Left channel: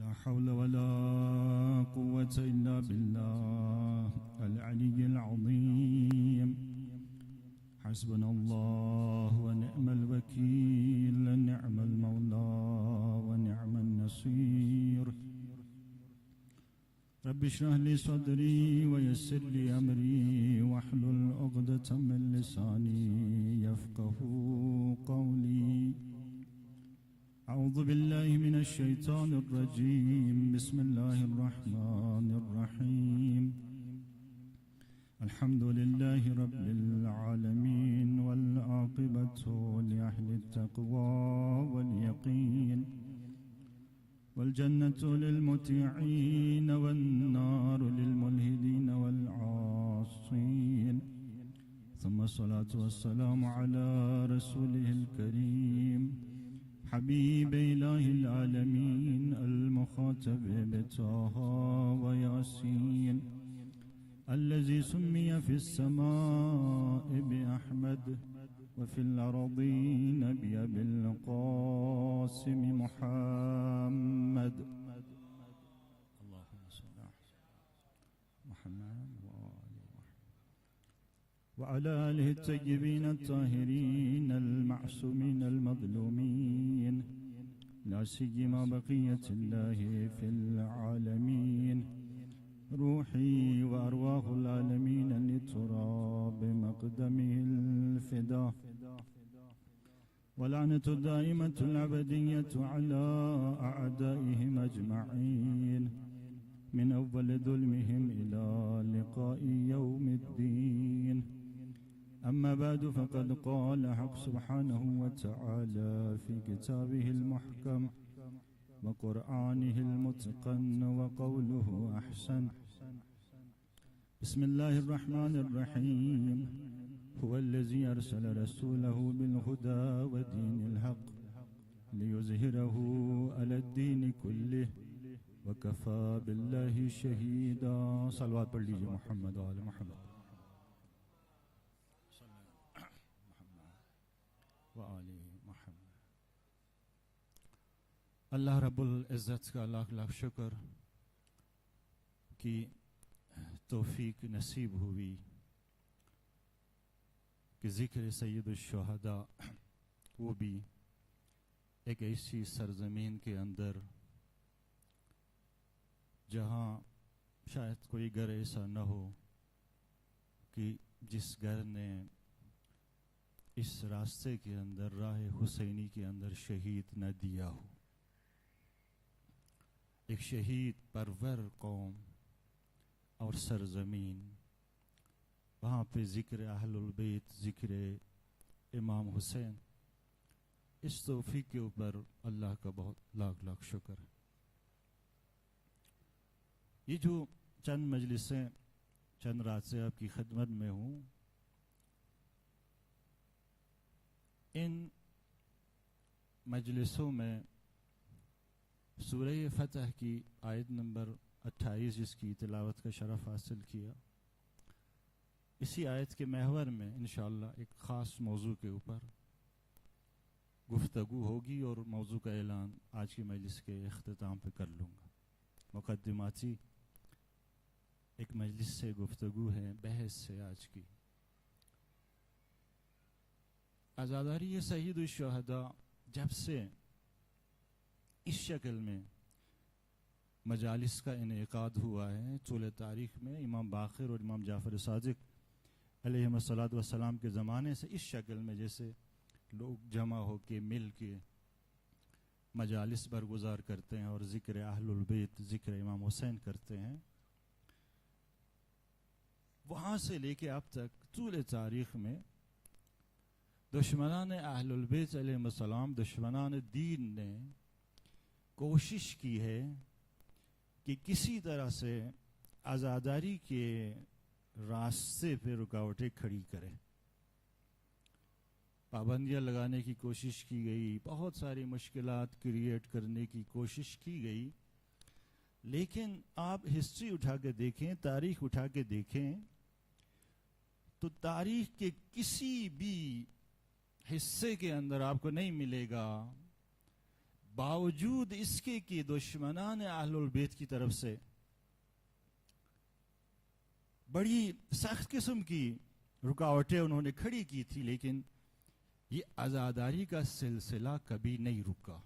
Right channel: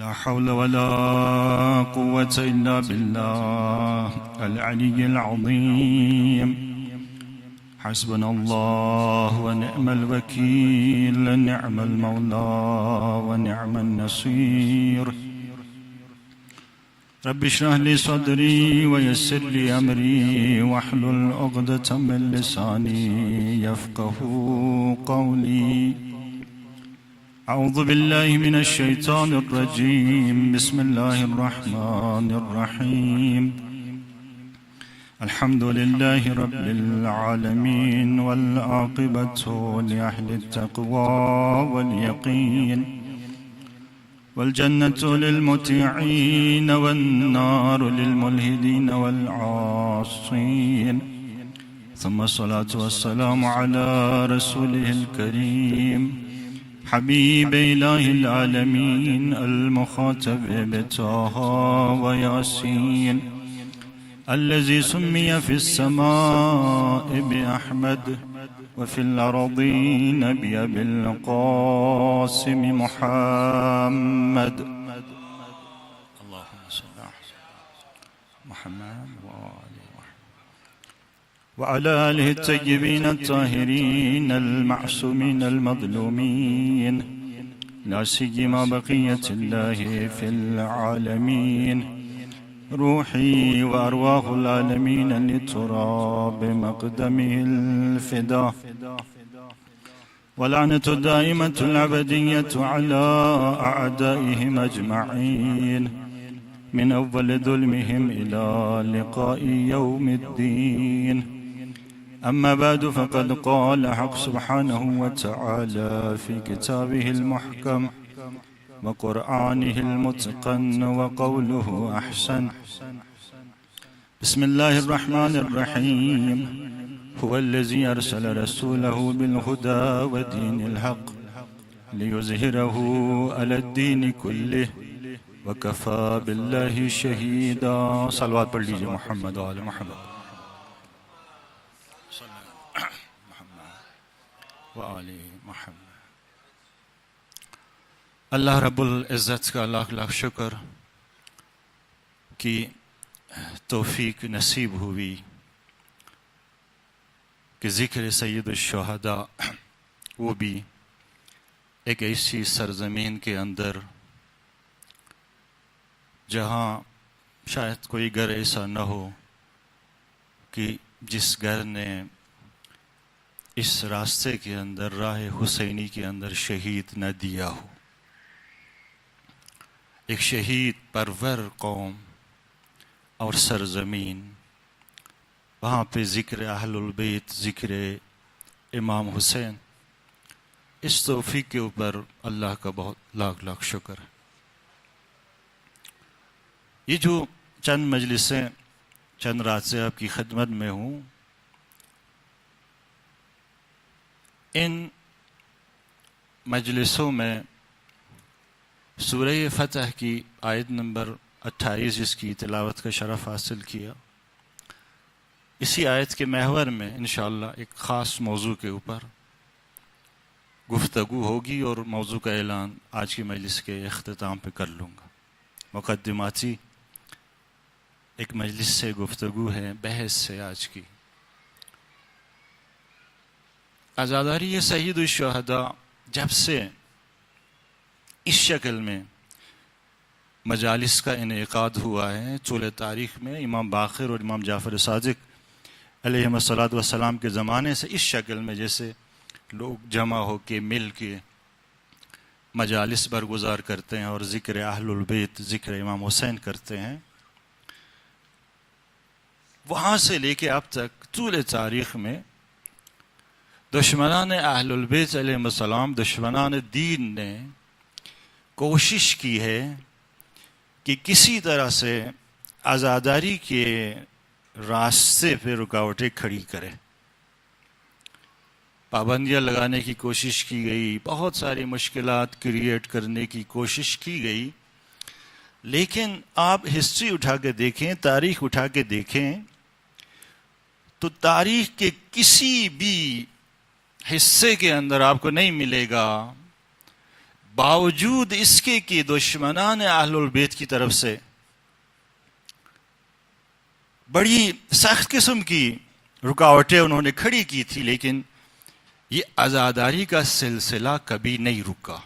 لا حول ولا قوة إلا بالله العلي العظيم. حسبنا الله ونعم الوكيل، نعم المولى ونعم النصير. رب اشرح لي صدري ويسر لي أمري واحلل عقدة من لساني يفقه قولي. أعوذ بالله من الشيطان الرجيم. بسم الله الرحمن الرحيم. الحمد لله رب العالمين، والعاقبة لأهل التقوى واليقين، والجنة للمطيعين والنار للملحدين والعاصين. ثم الصلاة والسلام على رسوله الكريم حبيب إله العالمين المخاطب بطه وياسين، الذي سمي في السماء بأحمد وفي الأرضين بأبي القاسم محمد. اللهم صل على محمد وعلى آله الطيبين الطاهرين المعصومين المظلومين، لا سيما بقية الله في العالمين. روحي وأرواح العالمين لتراب مقدمه الفداء، ولعنة الدائمة الأبدية على أعدائهم أجمعين، من أول ظلمهم إلى لقاء يوم الدين. أما بعد، فقد قال حق سبحانه وتعالى في كتابه المحكم وقرآنه المتقن وقوله أحسن. بسم الله الرحمن الرحيم. هو الذي أرسل رسوله بالهدى ودين الحق ليظهره على الدين كله وكفى بالله شهيدا. صلوات پڑھ لیجئے محمد و آل محمد و آل محمد. اللہ رب العزت کا لاکھ لاکھ شکر کہ توفیق نصیب ہوئی کہ ذکر سید الشہداء، وہ بھی ایک ایسی سرزمین کے اندر جہاں شاید کوئی گھر ایسا نہ ہو کہ جس گھر نے اس راستے کے اندر، راہ حسینی کے اندر شہید نہ دیا ہو. ایک شہید پرور قوم اور سرزمین، وہاں پہ ذکر اہل البیت، ذکر امام حسین. اس توفیق کے اوپر اللہ کا بہت لاکھ لاکھ شکر ہے. یہ جو چند مجلسیں چند رات سے آپ کی خدمت میں ہوں، ان مجلسوں میں سورہ فتح کی آیت نمبر 28 جس کی تلاوت کا شرف حاصل کیا، اسی آیت کے محور میں انشاءاللہ ایک خاص موضوع کے اوپر گفتگو ہوگی، اور موضوع کا اعلان آج کی مجلس کے اختتام پہ کر لوں گا. مقدماتی ایک مجلس سے گفتگو ہے، بحث سے آج کی. عزاداری سید الشہداء جب سے اس شکل میں مجالس کا انعقاد ہوا ہے طول تاریخ میں، امام باقر اور امام جعفر صادق علیہ الصلوۃ والسلام کے زمانے سے اس شکل میں جیسے لوگ جمع ہو کے مل کے مجالس برگزار کرتے ہیں اور ذکر اہل البیت، ذکر امام حسین کرتے ہیں، وہاں سے لے کے اب تک طول تاریخ میں دشمنان اہل البیت علیہ السلام، دشمنان دین نے کوشش کی ہے کہ کسی طرح سے عزاداری کے راستے پہ رکاوٹیں کھڑی کرے. پابندیاں لگانے کی کوشش کی گئی، بہت ساری مشکلات کریٹ کرنے کی کوشش کی گئی، لیکن آپ ہسٹری اٹھا کے دیکھیں، تاریخ اٹھا کے دیکھیں تو تاریخ کے کسی بھی حصے کے اندر آپ کو نہیں ملے گا باوجود اس کے کہ دشمنان اہل البیت کی طرف سے بڑی سخت قسم کی رکاوٹیں انہوں نے کھڑی کی تھی، لیکن یہ عزاداری کا سلسلہ کبھی نہیں رکا.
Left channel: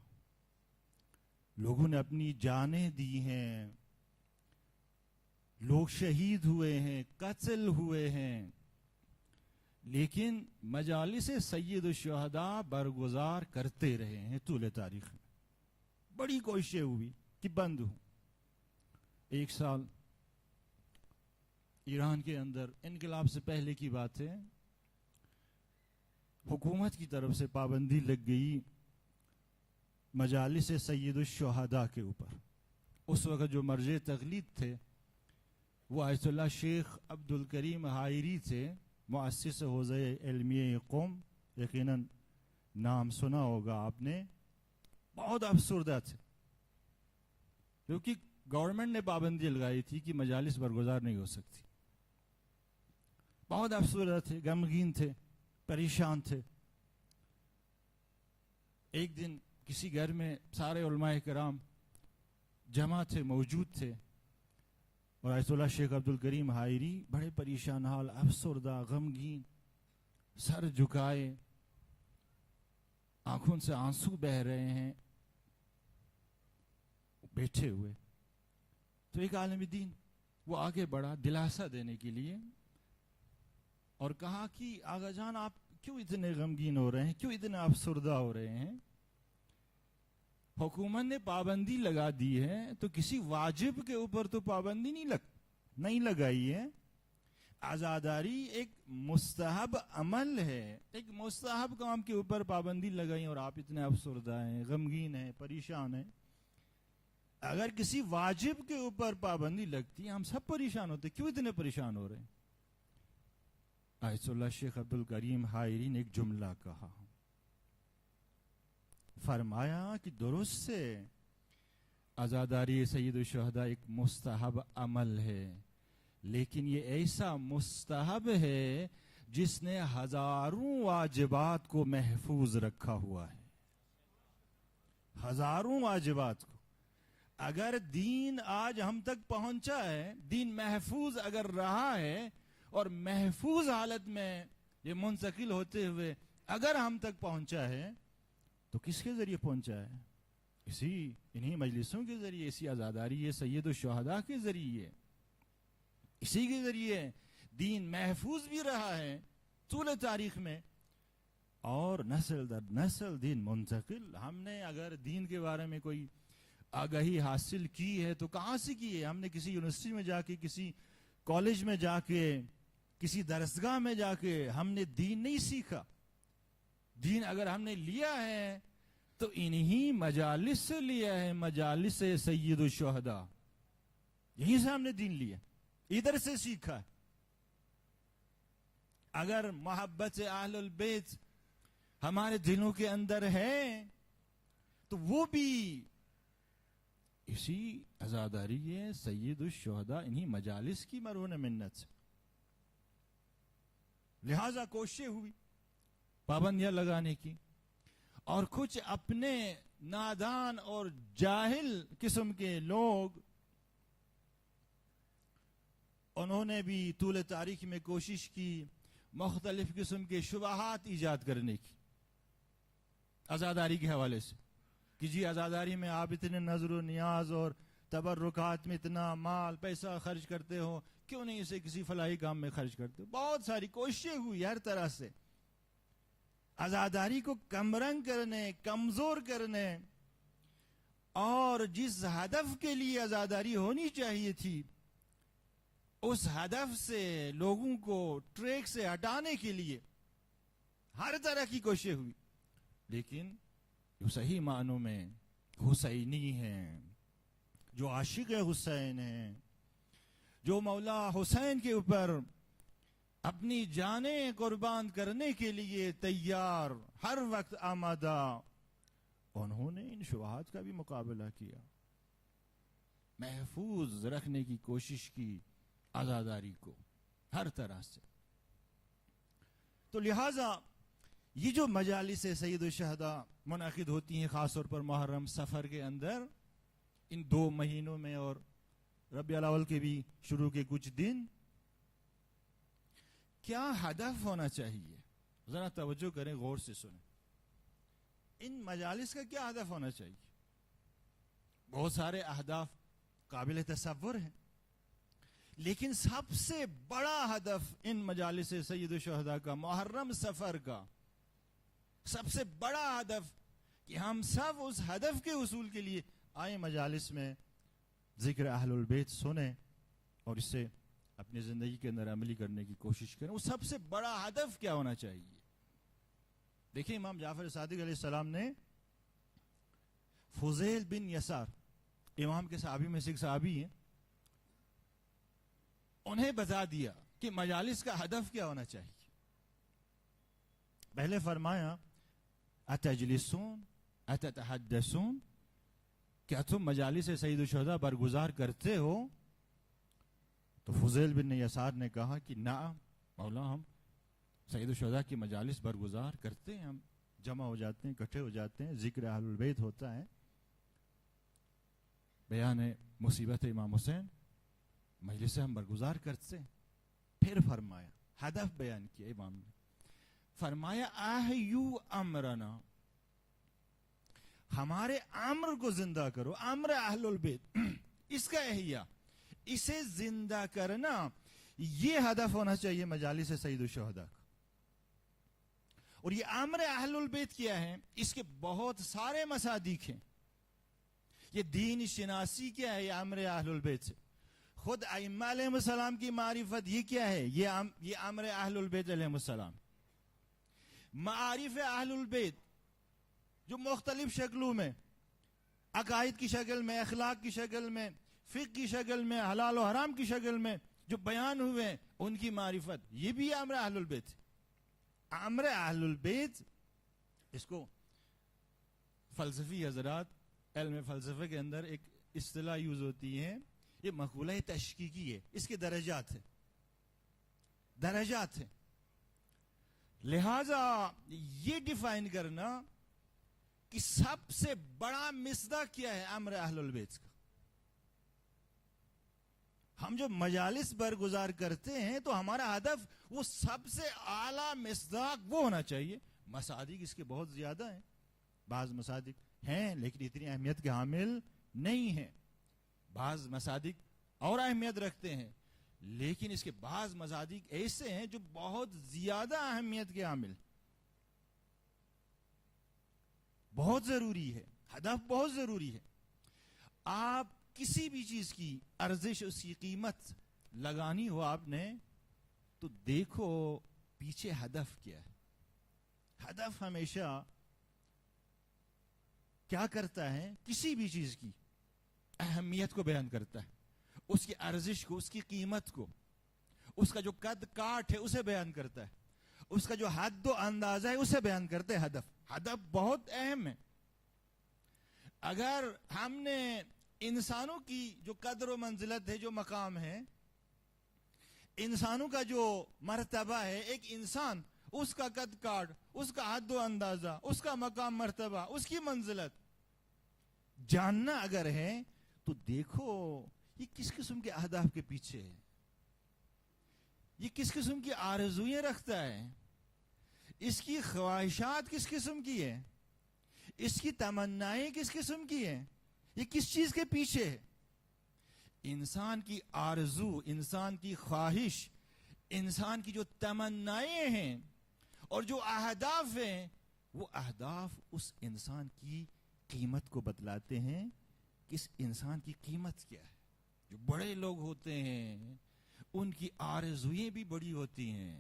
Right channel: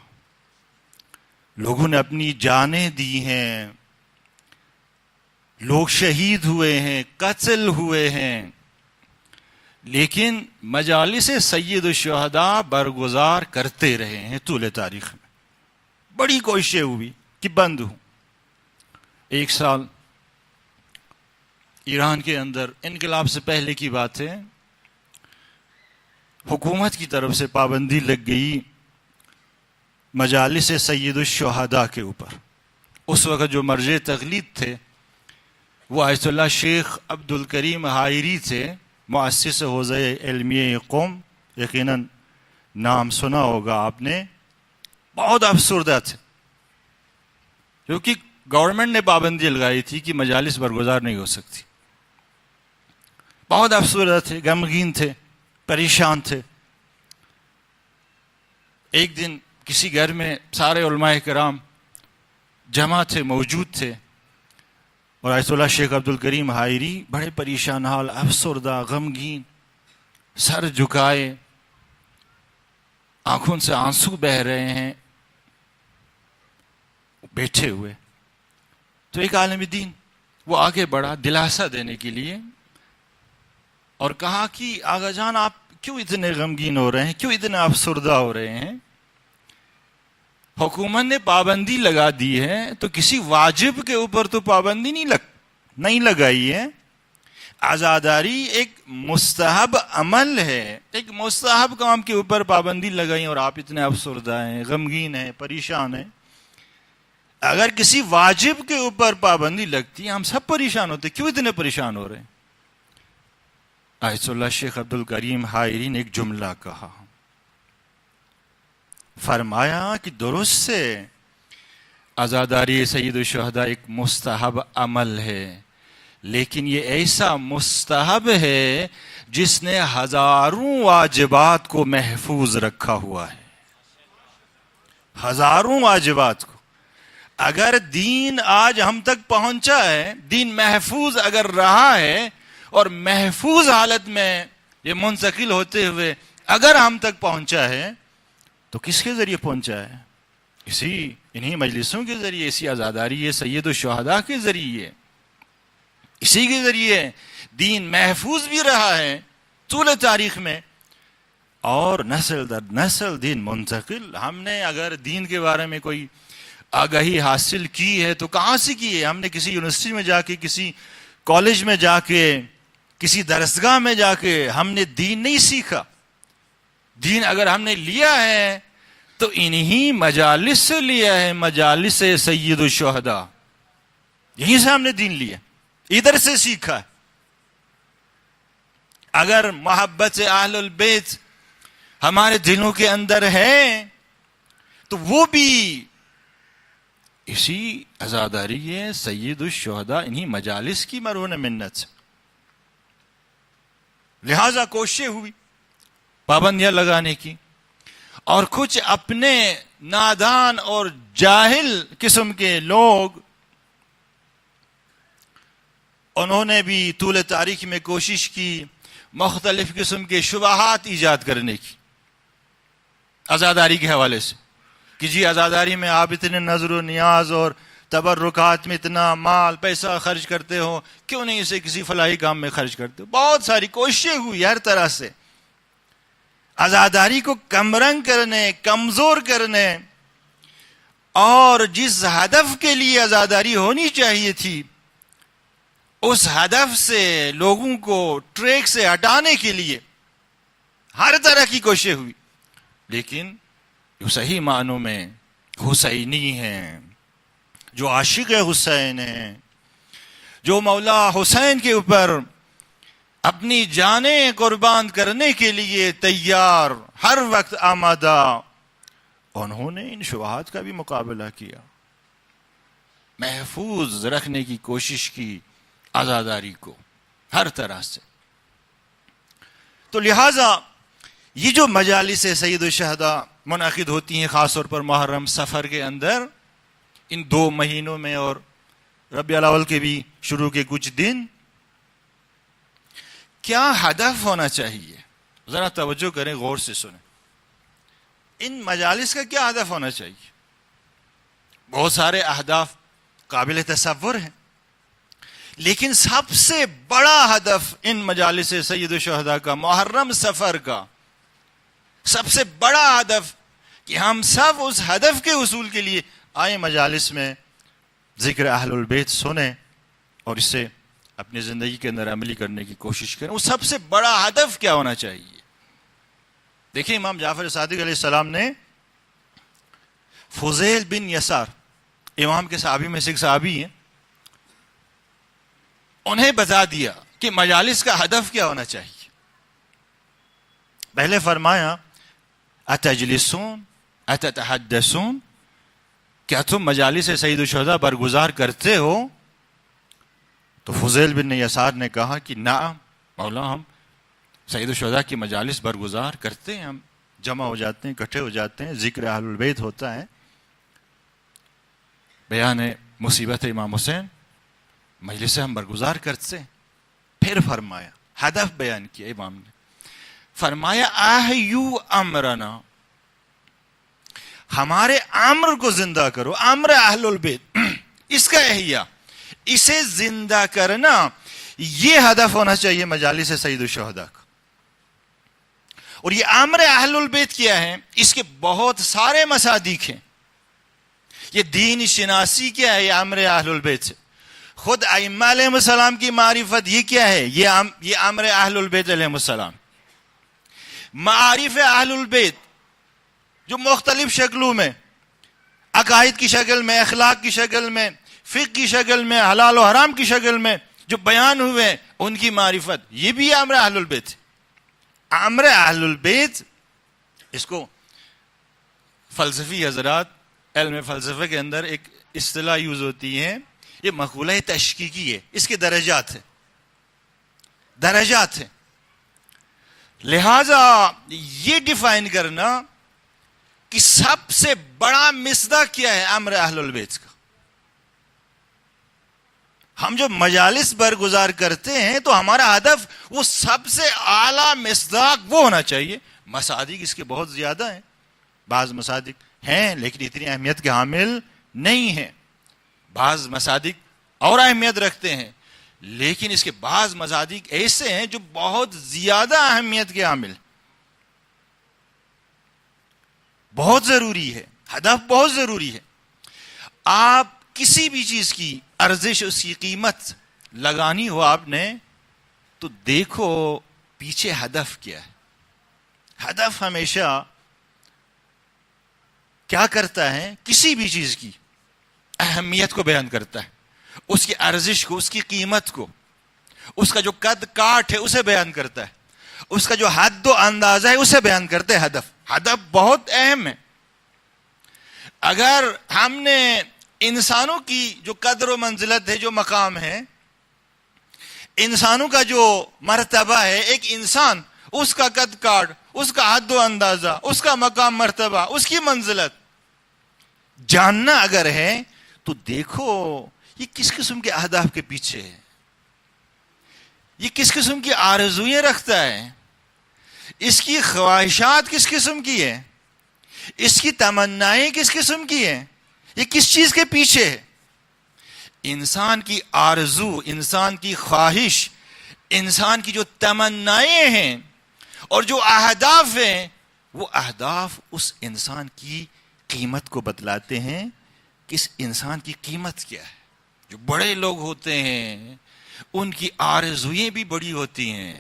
لوگوں نے اپنی جانیں دی ہیں، لوگ شہید ہوئے ہیں، قتل ہوئے ہیں، لیکن مجالس سید الشہداء برگزار کرتے رہے ہیں طول تاریخ میں. بڑی کوششیں ہوئی کہ بند ہوں. ایک سال ایران کے اندر انقلاب سے پہلے کی بات ہے، حکومت کی طرف سے پابندی لگ گئی مجالس سید الشہداء کے اوپر. اس وقت جو مرجع تقلید تھے وہ آیت اللہ شیخ عبد الکریم حائری تھے، مؤسس حوزہ علمیہ قوم. یقیناً نام سنا ہوگا آپ نے. بہت افسردہ تھے کیونکہ گورنمنٹ نے پابندی لگائی تھی کہ مجالس برگزار نہیں ہو سکتی. بہت افسردہ تھے، غمگین تھے، پریشان تھے. ایک دن کسی گھر میں سارے علماء کرام جمع تھے، موجود تھے، اور آیت اللہ شیخ عبد الکریم حائری بڑے پریشان حال، افسردہ، غمگین، سر جھکائے، آنکھوں سے آنسو بہہ رہے ہیں، بیٹھے ہوئے. تو ایک عالم دین وہ آگے بڑھا دلاسا دینے کے لیے اور کہا کہ آغا جان آپ کیوں اتنے غمگین ہو رہے ہیں، کیوں اتنے افسردہ ہو رہے ہیں؟ حکومت نے پابندی لگا دی ہے تو کسی واجب کے اوپر تو پابندی نہیں لگائی ہے. عزاداری ایک مستحب عمل ہے، ایک مستحب کام کے اوپر پابندی لگائی اور آپ اتنے افسردہ ہیں، غمگین ہیں، پریشان ہیں. اگر کسی واجب کے اوپر پابندی لگتی ہم سب پریشان ہوتے، کیوں اتنے پریشان ہو رہے ہیں؟ آیت اللہ شیخ عبد الکریم حائری نے ایک جملہ کہا، فرمایا کہ درست سے عزاداری سید الشہداء ایک مستحب عمل ہے، لیکن یہ ایسا مستحب ہے جس نے ہزاروں واجبات کو محفوظ رکھا ہوا ہے. ہزاروں واجبات کو. اگر دین آج ہم تک پہنچا ہے، دین محفوظ اگر رہا ہے اور محفوظ حالت میں یہ منتقل ہوتے ہوئے اگر ہم تک پہنچا ہے تو کس کے ذریعے پہنچا ہے؟ انہی مجلسوں کے ذریعے، اسی عزاداری سید الشہداء کے ذریعے. اسی کے ذریعے دین محفوظ بھی رہا ہے طول تاریخ میں، اور نسل در نسل دین منتقل. ہم نے اگر دین کے بارے میں کوئی آگاہی حاصل کی ہے تو کہاں سے کی ہے؟ ہم نے کسی یونیورسٹی میں جا کے، کسی کالج میں جا کے، کسی درسگاہ میں جا کے ہم نے دین نہیں سیکھا. دین اگر ہم نے لیا ہے تو انہی مجالس سے لیا ہے، مجالس سید الشہداء. یہیں سے ہم نے دین لیا، ادھر سے سیکھا ہے. اگر محبت اہل البیت ہمارے دلوں کے اندر ہے تو وہ بھی اسی عزاداری سید الشہداء انہی مجالس کی مرہون منت سے. لہذا کوششیں ہوئی پابندیاں لگانے کی، اور کچھ اپنے نادان اور جاہل قسم کے لوگ انہوں نے بھی طول تاریخ میں کوشش کی مختلف قسم کے شبہات ایجاد کرنے کی عزاداری کے حوالے سے، کہ جی عزاداری میں آپ اتنے نظر و نیاز اور تبرکات میں اتنا مال پیسہ خرچ کرتے ہو، کیوں نہیں اسے کسی فلاحی کام میں خرچ کرتے ہو؟ بہت ساری کوششیں ہوئی ہر طرح سے عزاداری کو کمرنگ کرنے، کمزور کرنے، اور جس ہدف کے لیے عزاداری ہونی چاہیے تھی اس ہدف سے لوگوں کو ٹریک سے ہٹانے کے لیے ہر طرح کی کوششیں ہوئی. لیکن جو صحیح معنوں میں حسینی ہیں، جو عاشق حسین ہیں، جو مولا حسین کے اوپر اپنی جانیں قربان کرنے کے لیے تیار، ہر وقت آمادہ، انہوں نے ان شبہات کا بھی مقابلہ کیا، محفوظ رکھنے کی کوشش کی عزاداری کو ہر طرح سے. تو لہٰذا یہ جو مجالس سید الشہداء منعقد ہوتی ہیں خاص طور پر محرم سفر کے اندر، ان 2 مہینوں میں، اور ربیع الاول کے بھی شروع کے کچھ دن. کیا ہدف ہونا چاہیے؟ ذرا توجہ کریں، غور سے سنیں. ان مجالس کا کیا ہدف ہونا چاہیے؟ بہت سارے اہداف قابل تصور ہیں، لیکن سب سے بڑا ہدف ان مجالس سید الشہداء کا، محرم سفر کا سب سے بڑا ہدف کہ ہم سب اس ہدف کے حصول کے لیے آئیں مجالس میں، ذکر اہل البیت سنیں اور اس سے اپنی زندگی کے اندر عملی کرنے کی کوشش کریں. وہ سب سے بڑا ہدف کیا ہونا چاہیے؟ دیکھیں، امام جعفر صادق علیہ السلام نے فضیل بن یسار، امام کے صحابی میں سے ایک صحابی ہیں، انہیں بتا دیا کہ مجالس کا ہدف کیا ہونا چاہیے. پہلے فرمایا اتجلسون اتتحدثون، کیا تم مجالس سید الشہداء برگزار کرتے ہو؟ تو فضیل بن یسار نے کہا کہ نعم مولا، ہم سید الشہداء کی مجالس برگزار کرتے ہیں، ہم جمع ہو جاتے ہیں، اکٹھے ہو جاتے ہیں، ذکر اہل البیت ہوتا ہے، بیان مصیبت امام حسین، مجلس ہم برگزار کرتے ہیں. پھر فرمایا، ہدف بیان کیا امام نے، فرمایا احیو امرنا، ہمارے امر کو زندہ کرو، امر اہل البیت، اس کا احیاء، اسے زندہ کرنا، یہ ہدف ہونا چاہیے مجالس سید الشہداء کا. اور یہ امر اہل البیت کیا ہے؟ اس کے بہت سارے مصادیق ہیں. یہ دین شناسی کیا ہے؟ یہ امر اہل البیت سے. خود ائمہ علیہ السلام کی معرفت یہ کیا ہے؟ یہ امر اہل البیت علیہ السلام. معارف اہل البیت جو مختلف شکلوں میں، عقائد کی شکل میں، اخلاق کی شکل میں، فقہ کی شکل میں، حلال و حرام کی شکل میں جو بیان ہوئے، ان کی معرفت، یہ بھی امر اہل البیت ہے. امر اہل البیت، اس کو فلسفی حضرات، علم فلسفے کے اندر ایک اصطلاح یوز ہوتی ہے، یہ مقولہ تشکیکی ہے، اس کے درجات ہیں، درجات ہیں. لہذا یہ ڈیفائن کرنا کہ سب سے بڑا مصداق کیا ہے امر اہل البیت کا. ہم جو مجالس برگزار کرتے ہیں تو ہمارا ہدف وہ سب سے اعلیٰ مصداق وہ ہونا چاہیے. مصادیق اس کے بہت زیادہ ہیں، بعض مصادیق ہیں لیکن اتنی اہمیت کے حامل نہیں ہیں، بعض مصادیق اور اہمیت رکھتے ہیں، لیکن اس کے بعض مصادیق ایسے ہیں جو بہت زیادہ اہمیت کے حامل، بہت ضروری ہے، ہدف بہت ضروری ہے. آپ کسی بھی چیز کی ارزش، اس کی قیمت لگانی ہو آپ نے، تو دیکھو پیچھے ہدف کیا ہے. ہدف ہمیشہ کیا کرتا ہے؟ کسی بھی چیز کی اہمیت کو بیان کرتا ہے، اس کی ارزش کو، اس کی قیمت کو، اس کا جو قد کاٹ ہے اسے بیان کرتا ہے، اس کا جو حد و اندازہ ہے اسے بیان کرتے ہیں. ہدف بہت اہم ہے. اگر ہم نے انسانوں کی جو قدر و منزلت ہے، جو مقام ہے، انسانوں کا جو مرتبہ ہے، ایک انسان، اس کا قد کاٹ، اس کا حد و اندازہ، اس کا مقام، مرتبہ، اس کی منزلت جاننا اگر ہے تو دیکھو یہ کس قسم کے اہداف کے پیچھے ہے، یہ کس قسم کی آرزوئیں رکھتا ہے، اس کی خواہشات کس قسم کی ہے، اس کی تمنائیں کس قسم کی ہیں، یہ کس چیز کے پیچھے ہے. انسان کی آرزو، انسان کی خواہش، انسان کی جو تمنائیں ہیں اور جو اہداف ہیں، وہ اہداف اس انسان کی قیمت کو بتلاتے ہیں کہ اس انسان کی قیمت کیا ہے. جو بڑے لوگ ہوتے ہیں ان کی آرزوئیں بھی بڑی ہوتی ہیں،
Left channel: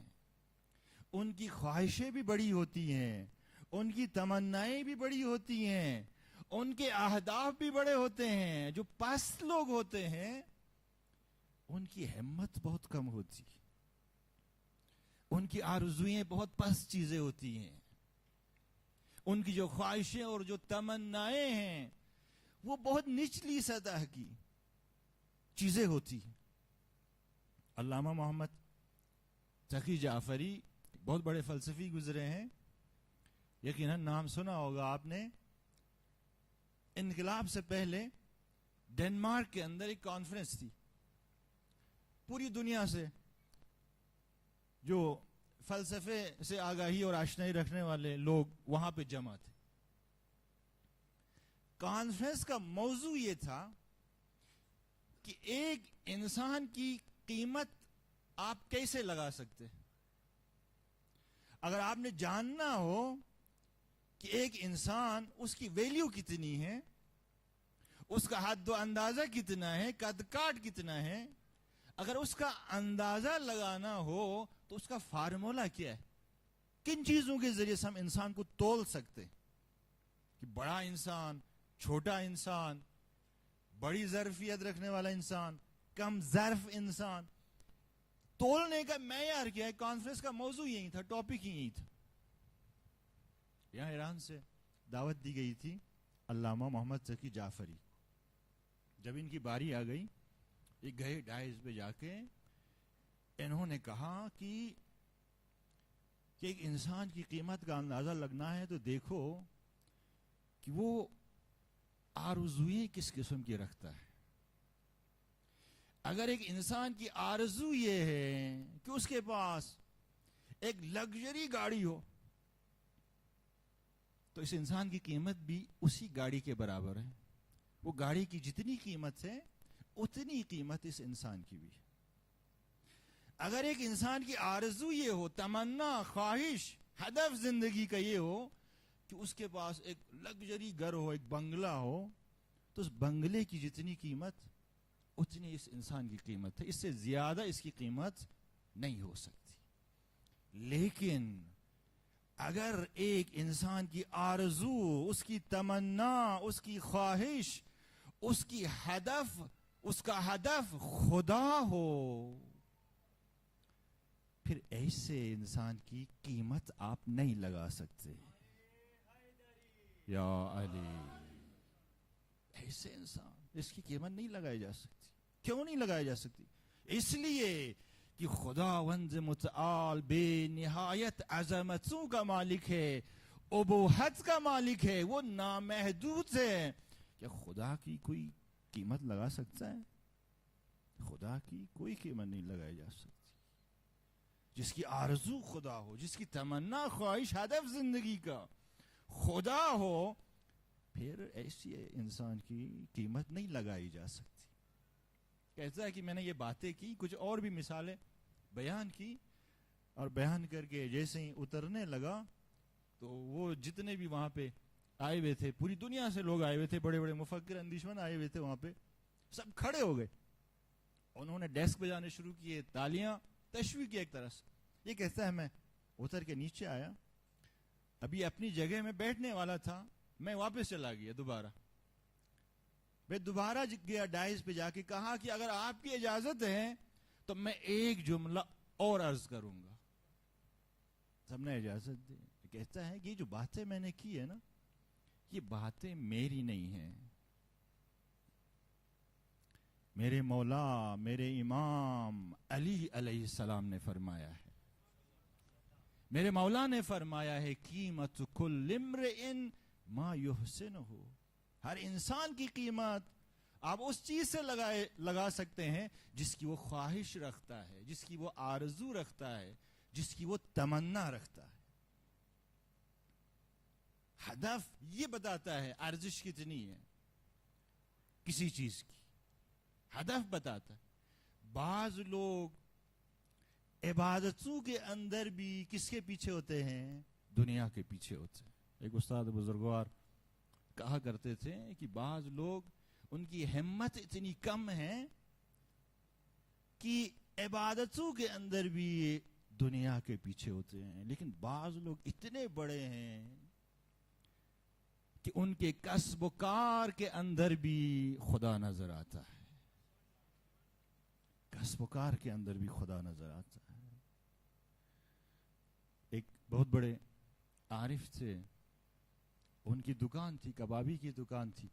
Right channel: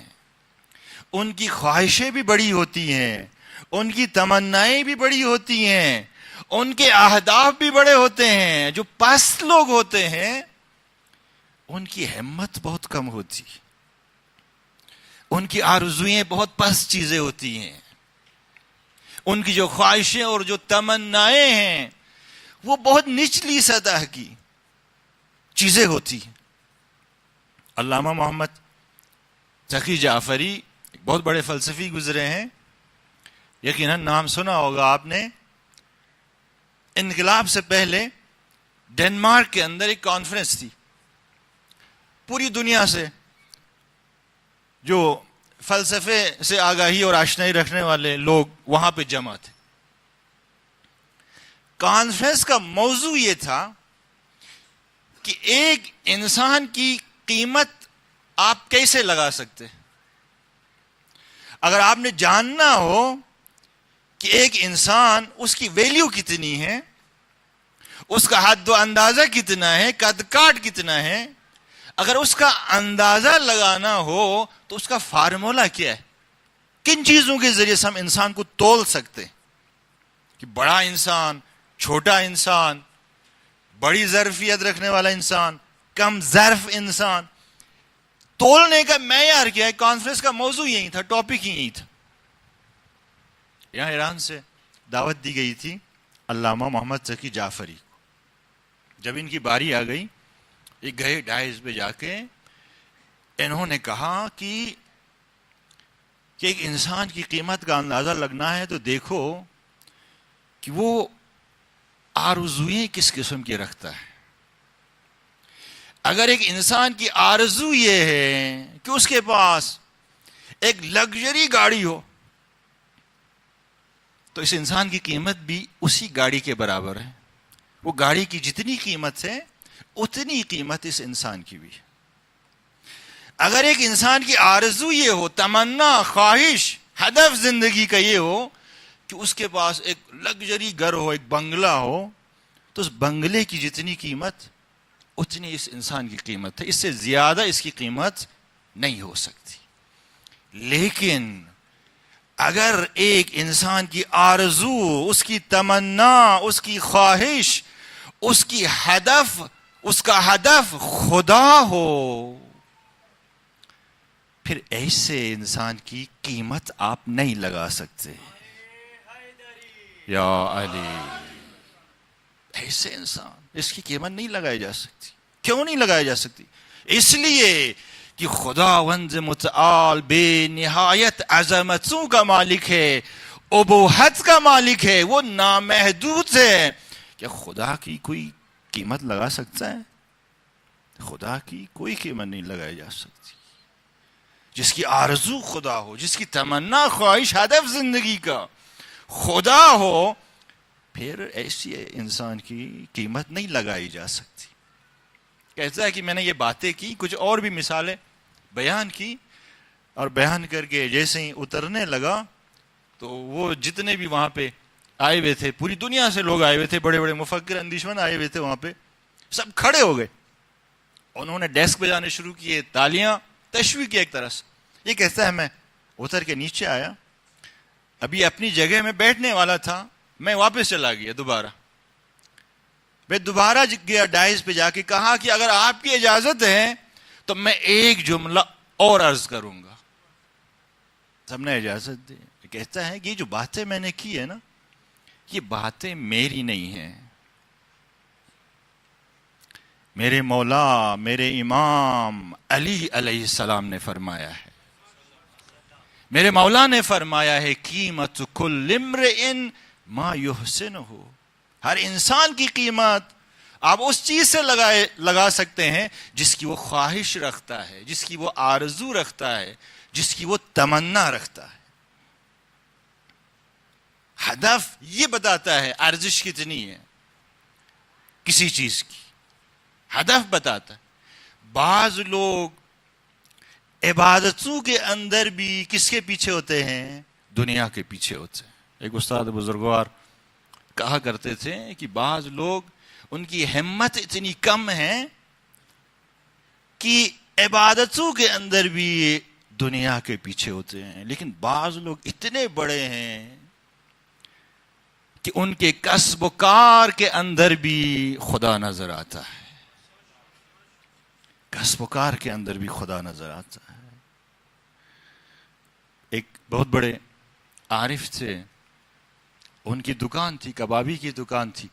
ان کی خواہشیں بھی بڑی ہوتی ہیں، ان کی تمنائیں بھی بڑی ہوتی ہیں، ان کے اہداف بھی بڑے ہوتے ہیں. جو پست لوگ ہوتے ہیں ان کی ہمت بہت کم ہوتی، ان کی آرزوئیں بہت پست چیزیں ہوتی ہیں، ان کی جو خواہشیں اور جو تمنائیں ہیں وہ بہت نچلی سطح کی چیزیں ہوتی ہیں. علامہ محمد تقی جعفری ایک بہت بڑے فلسفی گزرے ہیں، یقیناً نام سنا ہوگا آپ نے، انقلاب سے پہلے ڈنمارک کے اندر ایک کانفرنس تھی، پوری دنیا سے جو فلسفے سے آگاہی اور آشنائی رکھنے والے لوگ وہاں پہ جمع تھے۔ کانفرنس کا موضوع یہ تھا کہ ایک انسان کی قیمت آپ کیسے لگا سکتے؟ اگر آپ نے جاننا ہو کہ ایک انسان، اس کی ویلیو کتنی ہے، اس کا حد و اندازہ کتنا ہے، قد کاٹ کتنا ہے، اگر اس کا اندازہ لگانا ہو تو اس کا فارمولا کیا ہے؟ کن چیزوں کے ذریعے سے ہم انسان کو تول سکتے کہ بڑا انسان، چھوٹا انسان، بڑی ظرفیت رکھنے والا انسان، کم ظرف انسان، تولنے کا معیار کیا ہے؟ کانفرنس کا موضوع یہی تھا، ٹاپک ہی یہی تھا۔ یہاں ایران سے دعوت دی گئی تھی علامہ محمد تقی جعفری کو۔ جب ان کی باری آ گئی، یہ گئے ڈائز پہ جا کے انہوں نے کہا کہ ایک انسان کی قیمت کا اندازہ لگنا ہے تو دیکھو کہ وہ آرزوئیں کس قسم کی رکھتا ہے۔ اگر ایک انسان کی آرزو یہ ہے کہ اس کے پاس ایک لگژری گاڑی ہو تو اس انسان کی قیمت بھی اسی گاڑی کے برابر ہے۔ وہ گاڑی کی جتنی قیمت ہے اتنی قیمت اس انسان کی بھی ہے۔ اگر ایک انسان کی آرزو یہ ہو، تمنا، خواہش، ہدف زندگی کا یہ ہو کہ اس کے پاس ایک لگژری گھر ہو، ایک بنگلہ ہو، تو اس بنگلے کی جتنی قیمت اتنی اس انسان کی قیمت ہے، اس سے زیادہ اس کی قیمت نہیں ہو سکتی۔ لیکن اگر ایک انسان کی آرزو، اس کی تمنا، اس کی خواہش، اس کی ہدف، اس کا ہدف خدا ہو، پھر ایسے انسان کی قیمت آپ نہیں لگا سکتے۔ یا علی، ایسے انسان، اس کی قیمت نہیں لگائی جا سکتی۔ کیوں نہیں لگائی جا سکتی؟ اس لیے کہ خداوند متعال بے نہایت عظمتوں کا مالک ہے، ابوہت کا مالک ہے، وہ نامحدود ہے۔ کیا خدا کی کوئی قیمت لگا سکتا ہے؟ خدا کی کوئی قیمت نہیں لگائی جا سکتی۔ جس کی آرزو خدا ہو، جس کی تمنا، خواہش، ہدف زندگی کا خدا ہو، پھر ایسی انسان کی قیمت نہیں لگائی جا سکتی۔ کہتا ہے کہ میں نے یہ باتیں کی، کچھ اور بھی مثالیں بیان کی، اور بیان کر کے جیسے ہی اترنے لگا تو وہ جتنے بھی وہاں پہ آئے ہوئے تھے، پوری دنیا سے لوگ آئے ہوئے تھے، بڑے بڑے مفکر اندیشمند آئے ہوئے تھے وہاں پہ، سب کھڑے ہو گئے۔ انہوں نے ڈیسک بجانے شروع کیے، تالیاں، تشویق ایک طرح سے۔ یہ کہتا ہے میں اتر کے نیچے آیا، ابھی اپنی جگہ میں بیٹھنے والا تھا، میں واپس چلا گیا دوبارہ۔ میں دوبارہ گیا ڈائز پہ جا کے کہا کہ اگر آپ کی اجازت ہے تو میں ایک جملہ اور عرض کروں گا۔ سب نے اجازت دی۔ کہتا ہے کہ یہ جو باتیں میں نے کی ہے نا، یہ باتیں میری نہیں ہیں، میرے مولا، میرے امام علی علیہ السلام نے فرمایا ہے۔ میرے مولا نے فرمایا ہے قیمت کل امرئ ما یحسنہ، ہر انسان کی قیمت آپ اس چیز سے لگا سکتے ہیں جس کی وہ خواہش رکھتا ہے، جس کی وہ آرزو رکھتا ہے، جس کی وہ تمنا رکھتا ہے۔ ہدف یہ بتاتا ہے ارزش کتنی ہے کسی چیز کی، ہدف بتاتا ہے۔ بعض لوگ عبادتوں کے اندر بھی کس کے پیچھے ہوتے ہیں؟ دنیا کے پیچھے ہوتے ہیں۔ ایک استاد بزرگوار کہا کرتے تھے کہ بعض لوگ، ان کی ہمت اتنی کم ہے کہ عبادتوں کے اندر بھی دنیا کے پیچھے ہوتے ہیں، لیکن بعض لوگ اتنے بڑے ہیں کہ ان کے کسب و کار کے اندر بھی خدا نظر آتا ہے، کسب و کار کے اندر بھی خدا نظر آتا ہے۔ ایک بہت بڑے عارف تھے، ان کی دکان تھی، کبابی کی دکان تھی،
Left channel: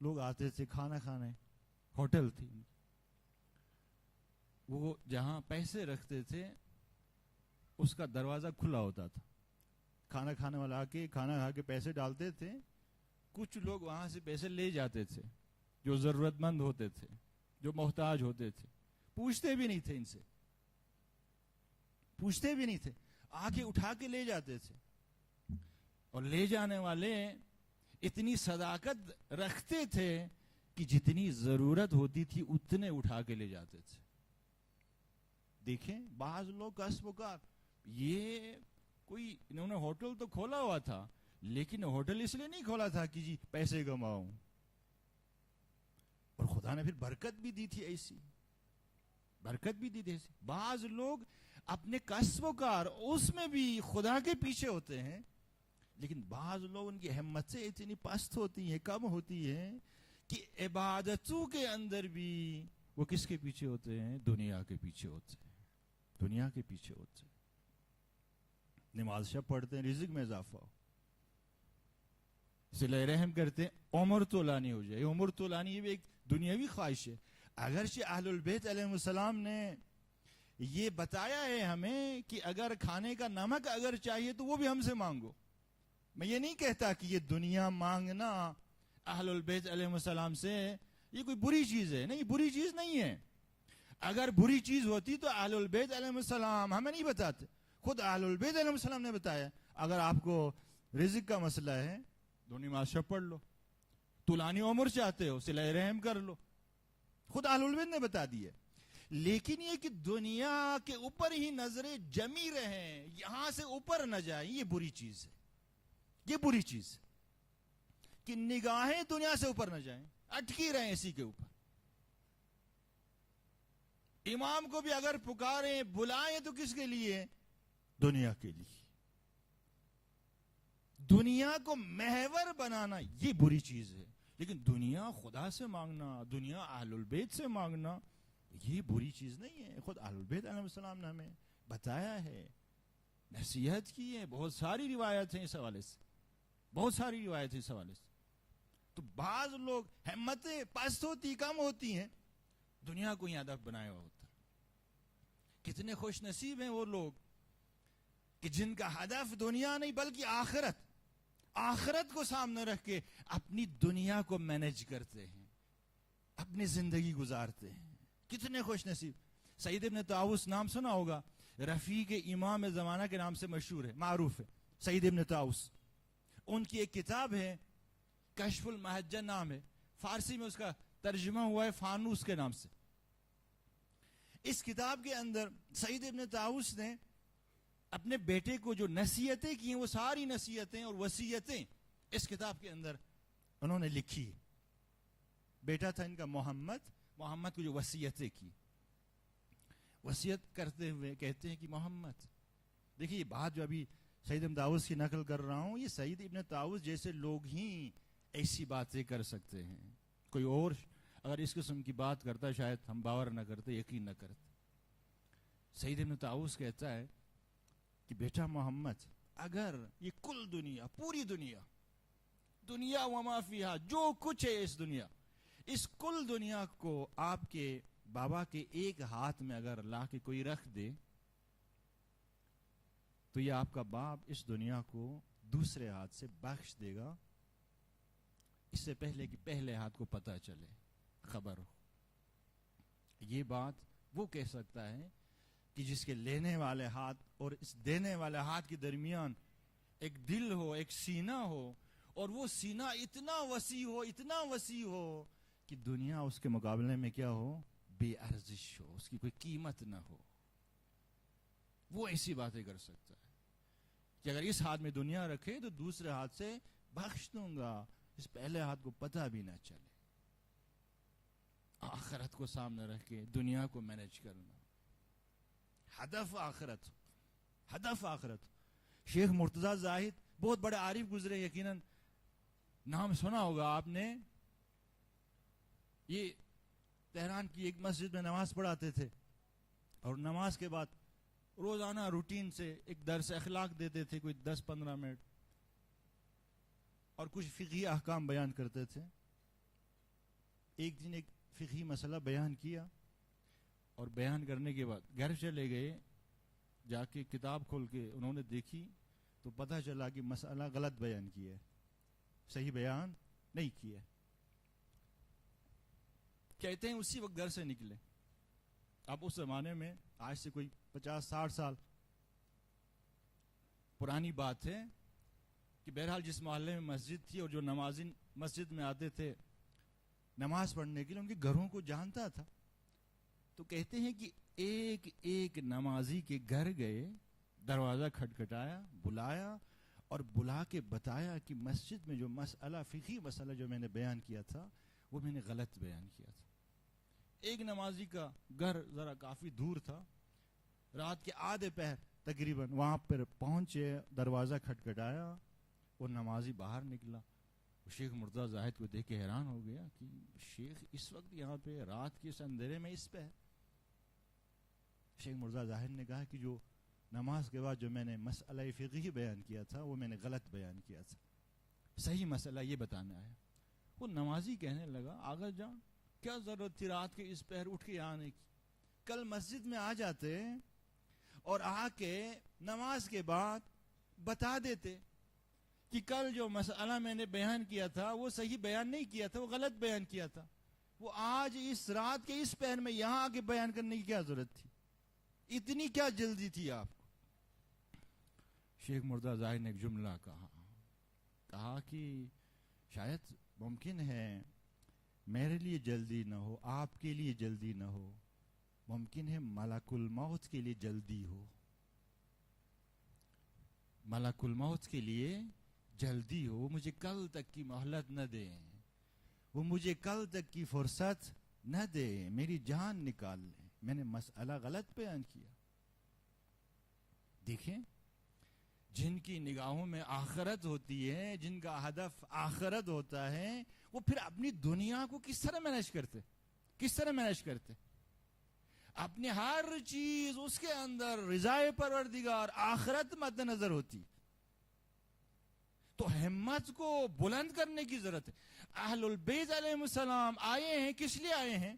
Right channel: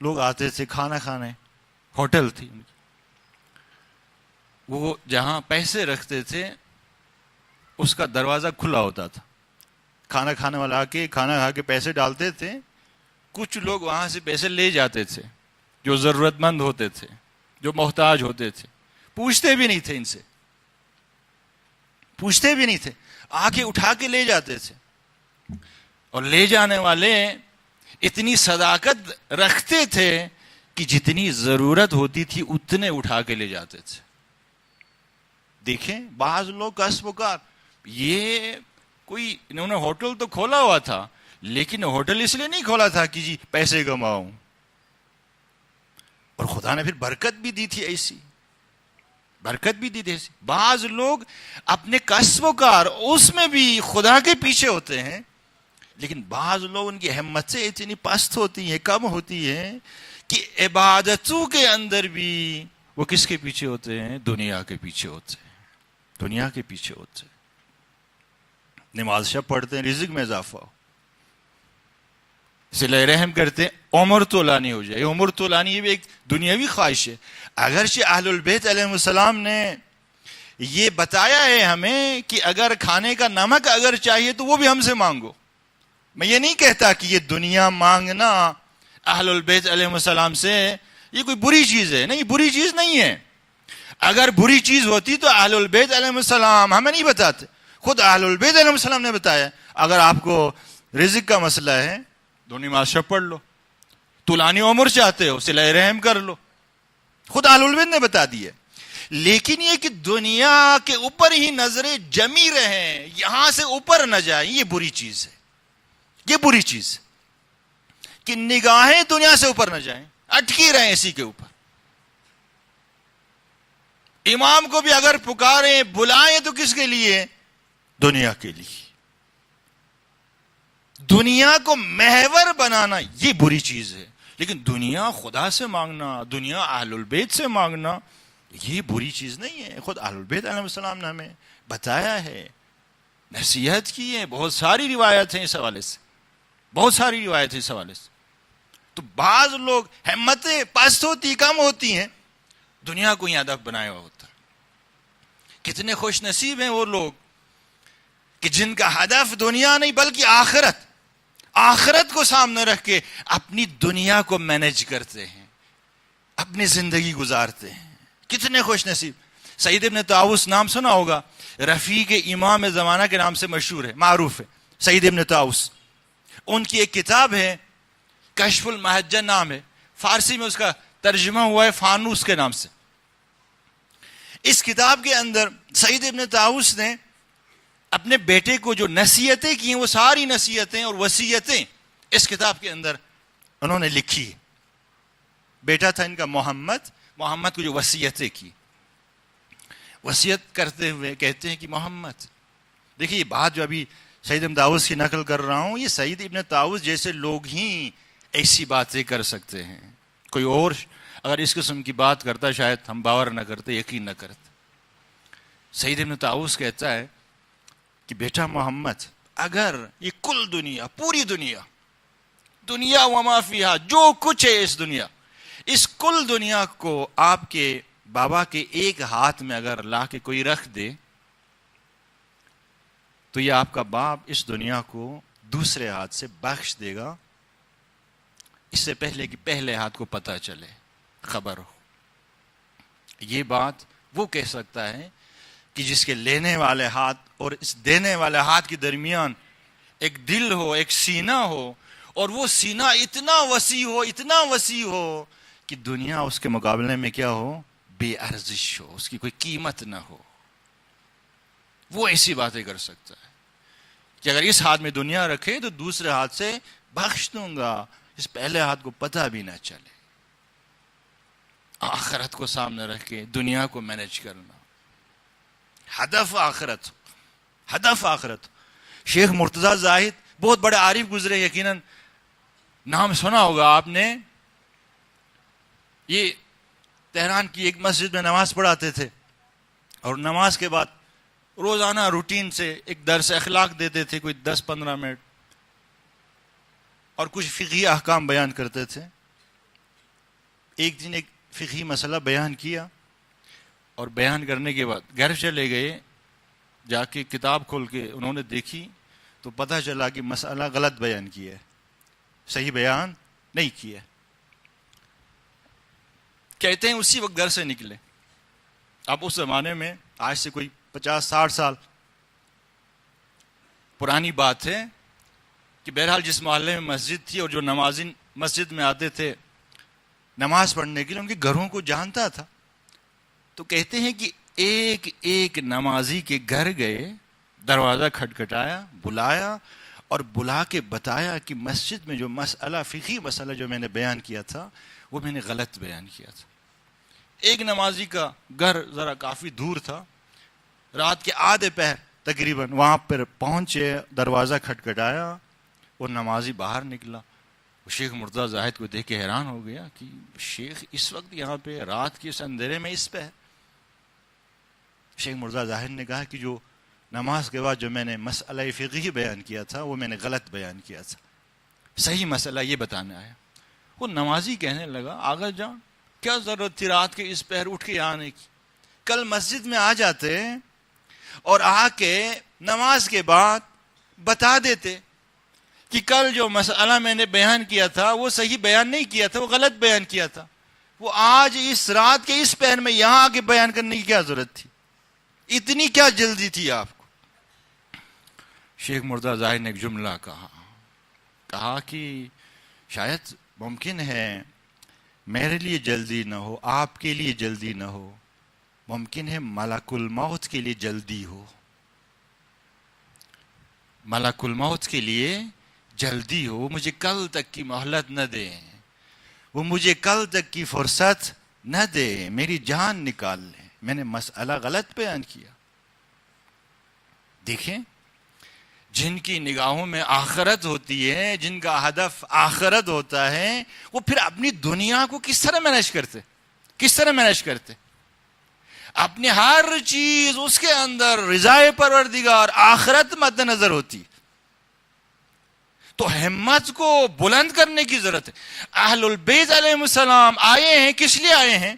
لوگ آتے تھے کھانا کھانے، ہوٹل تھی ان کی۔ وہ جہاں پیسے رکھتے تھے اس کا دروازہ کھلا ہوتا تھا، کھانا کھانے والا آ کے کھانا کھا کے پیسے ڈالتے تھے، کچھ لوگ وہاں سے پیسے لے جاتے تھے جو ضرورت مند ہوتے تھے، جو محتاج ہوتے تھے، پوچھتے بھی نہیں تھے، ان سے پوچھتے بھی نہیں تھے، آ کے اٹھا کے لے جاتے تھے. اور لے جانے والے اتنی صداقت رکھتے تھے کہ جتنی ضرورت ہوتی تھی اتنے اٹھا کے لے جاتے تھے. دیکھیں بعض لوگ کسب و کار، یہ کوئی انہوں نے ہوٹل تو کھولا ہوا تھا، لیکن ہوٹل اس لیے نہیں کھولا تھا کہ جی پیسے کماؤں، اور خدا نے پھر برکت بھی دی تھی، ایسی برکت بھی دی تھی ایسی. بعض لوگ اپنے کسب و کار اس میں بھی خدا کے پیچھے ہوتے ہیں، لیکن بعض لوگ ان کی ہمتیں اتنی پست ہوتی ہیں، کم ہوتی ہیں کہ عبادتوں کے اندر بھی وہ کس کے پیچھے ہوتے ہیں؟ دنیا کے پیچھے ہوتے ہیں، دنیا کے پیچھے ہوتے ہیں. نماز شب پڑھتے ہیں رزق میں اضافہ ہو، صلہ رحم کرتے ہیں عمر طولانی ہو جائے. عمر طولانی یہ بھی ایک دنیاوی خواہش ہے. اگرچہ اہل البیت علیہ السلام نے یہ بتایا ہے ہمیں کہ اگر کھانے کا نمک اگر چاہیے تو وہ بھی ہم سے مانگو. میں یہ نہیں کہتا کہ یہ دنیا مانگنا اہل البیت علیہ السلام سے یہ کوئی بری چیز ہے، نہیں، بری چیز نہیں ہے. اگر بری چیز ہوتی تو اہل البیت علیہ السلام ہمیں نہیں بتاتے، خود اہل البیت علیہ السلام نے بتایا. اگر آپ کو رزق کا مسئلہ ہے دو نماز شب پڑھ لو، طولانی عمر چاہتے ہو صلہ رحم کر لو، خود اہل البیت نے بتا دی ہے. لیکن یہ کہ دنیا کے اوپر ہی نظریں جمی رہیں، یہاں سے اوپر نہ جائیں، یہ بری چیز ہے. یہ بری چیز کہ نگاہیں دنیا سے اوپر نہ جائیں، اٹکی رہیں اسی کے اوپر. امام کو بھی اگر پکاریں بلائیں تو کس کے لیے؟ دنیا کے لیے. دنیا کو محور بنانا یہ بری چیز ہے، لیکن دنیا خدا سے مانگنا، دنیا اہل البیت سے مانگنا یہ بری چیز نہیں ہے. خود اہل البیت علیہ السلام نے ہمیں بتایا ہے، نصیحت کی ہے. بہت ساری روایت ہیں اس حوالے سے، بہت ساری روایت ہیں اس حوالے سے. تو بعض لوگ ہمتیں پست ہوتی، کم ہوتی ہیں، دنیا کو ہی ہدف بنایا ہوا ہوتا. کتنے خوش نصیب ہیں وہ لوگ کہ جن کا ہدف دنیا نہیں بلکہ آخرت، آخرت کو سامنے رکھ کے اپنی دنیا کو مینج کرتے ہیں، اپنی زندگی گزارتے ہیں. کتنے خوش نصیب. سعید ابن طاؤس نام سنا ہوگا، رفیق امام زمانہ کے نام سے مشہور ہے، معروف ہے، سعید ابن طاؤس. ان کی ایک کتاب ہے کشف المحجن نام ہے، فارسی میں اس کا ترجمہ ہوا ہے فانوس کے نام سے. اس کتاب کے اندر سعید ابن طاؤس نے اپنے بیٹے کو جو نصیحتیں کی ہیں وہ ساری نصیحتیں اور وصیتیں اس کتاب کے اندر انہوں نے لکھی. بیٹا تھا ان کا محمد کو جو وصیتیں کی، وصیت کرتے ہوئے کہتے ہیں کہ محمد، دیکھیے یہ بات جو ابھی سعید ابن طاؤس کی نقل کر رہا ہوں، یہ سعید ابن طاؤس جیسے لوگ ہی ایسی باتیں کر سکتے ہیں. کوئی اور اگر اس قسم کی بات کرتا شاید ہم باور نہ کرتے، یقین نہ کرتے. سعید ابن طاؤس کہتا ہے کہ بیٹا محمد، اگر یہ کل دنیا، پوری دنیا وما فیہا، جو کچھ ہے اس دنیا، اس کل دنیا کو آپ کے بابا کے ایک ہاتھ میں اگر لا کے کوئی رکھ دے تو یہ آپ کا باپ اس دنیا کو دوسرے ہاتھ سے بخش دے گا، اس سے پہلے کہ پہلے ہاتھ کو پتہ چلے، خبر ہو. یہ بات وہ کہہ سکتا ہے کہ جس کے لینے والے ہاتھ اور اس دینے والے ہاتھ کے درمیان ایک دل ہو، ایک سینہ ہو، اور وہ سینہ اتنا وسیع ہو کہ دنیا اس کے مقابلے میں کیا ہو؟ بے ارزش ہو، اس کی کوئی قیمت نہ ہو. وہ ایسی باتیں کر سکتا ہے کہ اگر اس ہاتھ میں دنیا رکھے تو دوسرے ہاتھ سے بخش دوں گا، اس پہلے ہاتھ کو پتہ بھی نہ چلے. آخرت کو سامنے رکھ کے دنیا کو مینج کرنا، ہدف آخرت. شیخ مرتضیٰ زاہد بہت بڑے عارف گزرے، یقیناً نام سنا ہوگا آپ نے. یہ تہران کی ایک مسجد میں نماز پڑھاتے تھے، اور نماز کے بعد روزانہ روٹین سے ایک درس اخلاق دیتے تھے، کوئی 10-15 منٹ، اور کچھ فقہی احکام بیان کرتے تھے. ایک دن ایک فقہی مسئلہ بیان کیا، اور بیان کرنے کے بعد گھر چلے گئے. جا کے کتاب کھول کے انہوں نے دیکھی تو تو پتہ چلا کہ مسئلہ غلط بیان کیا ہے، صحیح بیان نہیں کیا. کہتے ہیں اسی وقت گھر سے نکلے. اب اس زمانے میں آج سے کوئی 50-60 سال پرانی بات ہے کہ بہرحال جس محلے میں مسجد تھی اور جو نمازی مسجد میں آتے تھے نماز پڑھنے کے لیے، ان کے گھروں کو جانتا تھا. تو کہتے ہیں کہ ایک ایک نمازی کے گھر گئے، دروازہ کھٹکھٹایا، بلایا اور بلا کے بتایا کہ مسجد میں جو مسئلہ، فقہی مسئلہ جو میں نے بیان کیا تھا وہ میں نے غلط بیان کیا تھا. ایک نمازی کا گھر ذرا کافی دور تھا، رات کے آدھے پہر تقریباً وہاں پر پہنچے، دروازہ کھٹکھٹایا اور نمازی باہر نکلا. شیخ مرتضیٰ زاہد کو دیکھ کے حیران ہو گیا کہ شیخ اس وقت یہاں پہ رات کے اس اندھیرے میں اس پہ ہے. شیخ مرتضیٰ زاہد نے کہا کہ جو نماز کے بعد جو میں نے مسئلہ فقہی بیان کیا تھا وہ میں نے غلط بیان کیا تھا، صحیح مسئلہ یہ بتانے آیا. وہ نمازی کہنے لگا آغا جان کیا ضرورت تھی رات کے اس پہر اٹھ کے آنے کی؟ کل مسجد میں آ جاتے اور آ کے نماز کے بعد بتا دیتے کہ کل جو مسئلہ میں نے بیان کیا تھا وہ صحیح بیان نہیں کیا تھا، وہ غلط بیان کیا تھا. وہ آج اس رات کے اس پہر میں یہاں آ کے بیان کرنے کی کیا ضرورت تھی؟ اتنی کیا جلدی تھی آپ کو؟ شیخ مرتضیٰ زاہد نے ایک جملہ کہا کہ شاید ممکن ہے میرے لیے جلدی نہ ہو، آپ کے لیے جلدی نہ ہو، ممکن ہے ملک الموت کے لیے جلدی ہو. ملک الموت کے لیے جلدی ہو، وہ مجھے کل تک کی مہلت نہ دے، وہ مجھے کل تک کی فرصت نہ دے، میری جان نکال لے، میں نے مسئلہ غلط بیان کیا. دیکھیں جن کی نگاہوں میں آخرت ہوتی ہے، جن کا ہدف آخرت ہوتا ہے، وہ پھر اپنی دنیا کو کس طرح مینیج کرتے؟ اپنی ہر چیز اس کے اندر رضائے پروردگار آخرت مد نظر ہوتی. تو ہمت کو بلند کرنے کی ضرورت ہے. اہل البیت علیہ السلام آئے ہیں، کس لیے آئے ہیں؟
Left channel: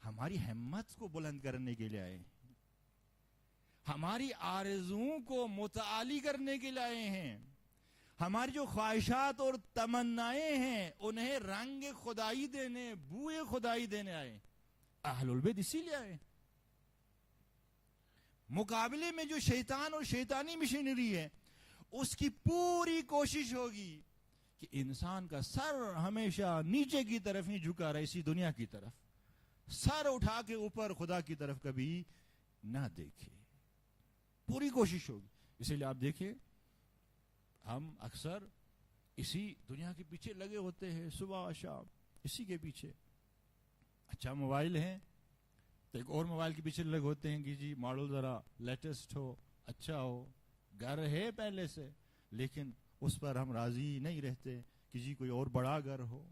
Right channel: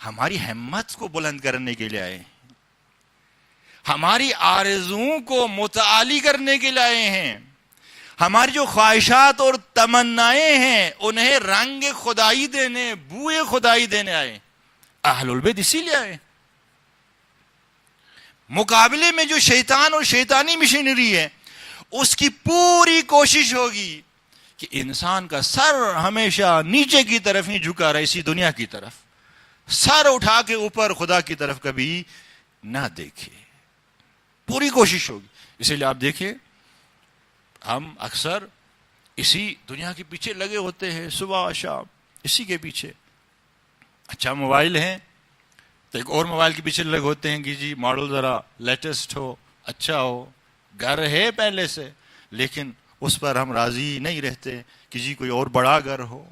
ہماری ہمت کو بلند کرنے کے لیے آئے ہیں، ہماری آرزوؤں کو متعالی کرنے کے لیے آئے ہیں، ہماری جو خواہشات اور تمنائیں ہیں انہیں رنگ خدائی دینے، بوئے خدائی دینے آئے. اہل البیت اسی لیے آئے. مقابلے میں جو شیطان اور شیطانی مشینری ہے اس کی پوری کوشش ہوگی کہ انسان کا سر ہمیشہ نیچے کی طرف ہی جھکا رہے، اسی دنیا کی طرف، سر اٹھا کے اوپر خدا کی طرف کبھی نہ دیکھے. پوری کوشش ہوگی. اسی لیے آپ دیکھیں ہم اکثر اسی دنیا کے پیچھے لگے ہوتے ہیں، صبح شام اسی کے پیچھے. اچھا موبائل ہے تو ایک اور موبائل کے پیچھے لگے ہوتے ہیں کہ جی ماڈل ذرا لیٹسٹ ہو، اچھا ہو. گھر ہے پہلے سے لیکن اس پر ہم راضی نہیں رہتے کہ جی کوئی اور بڑا گھر ہو.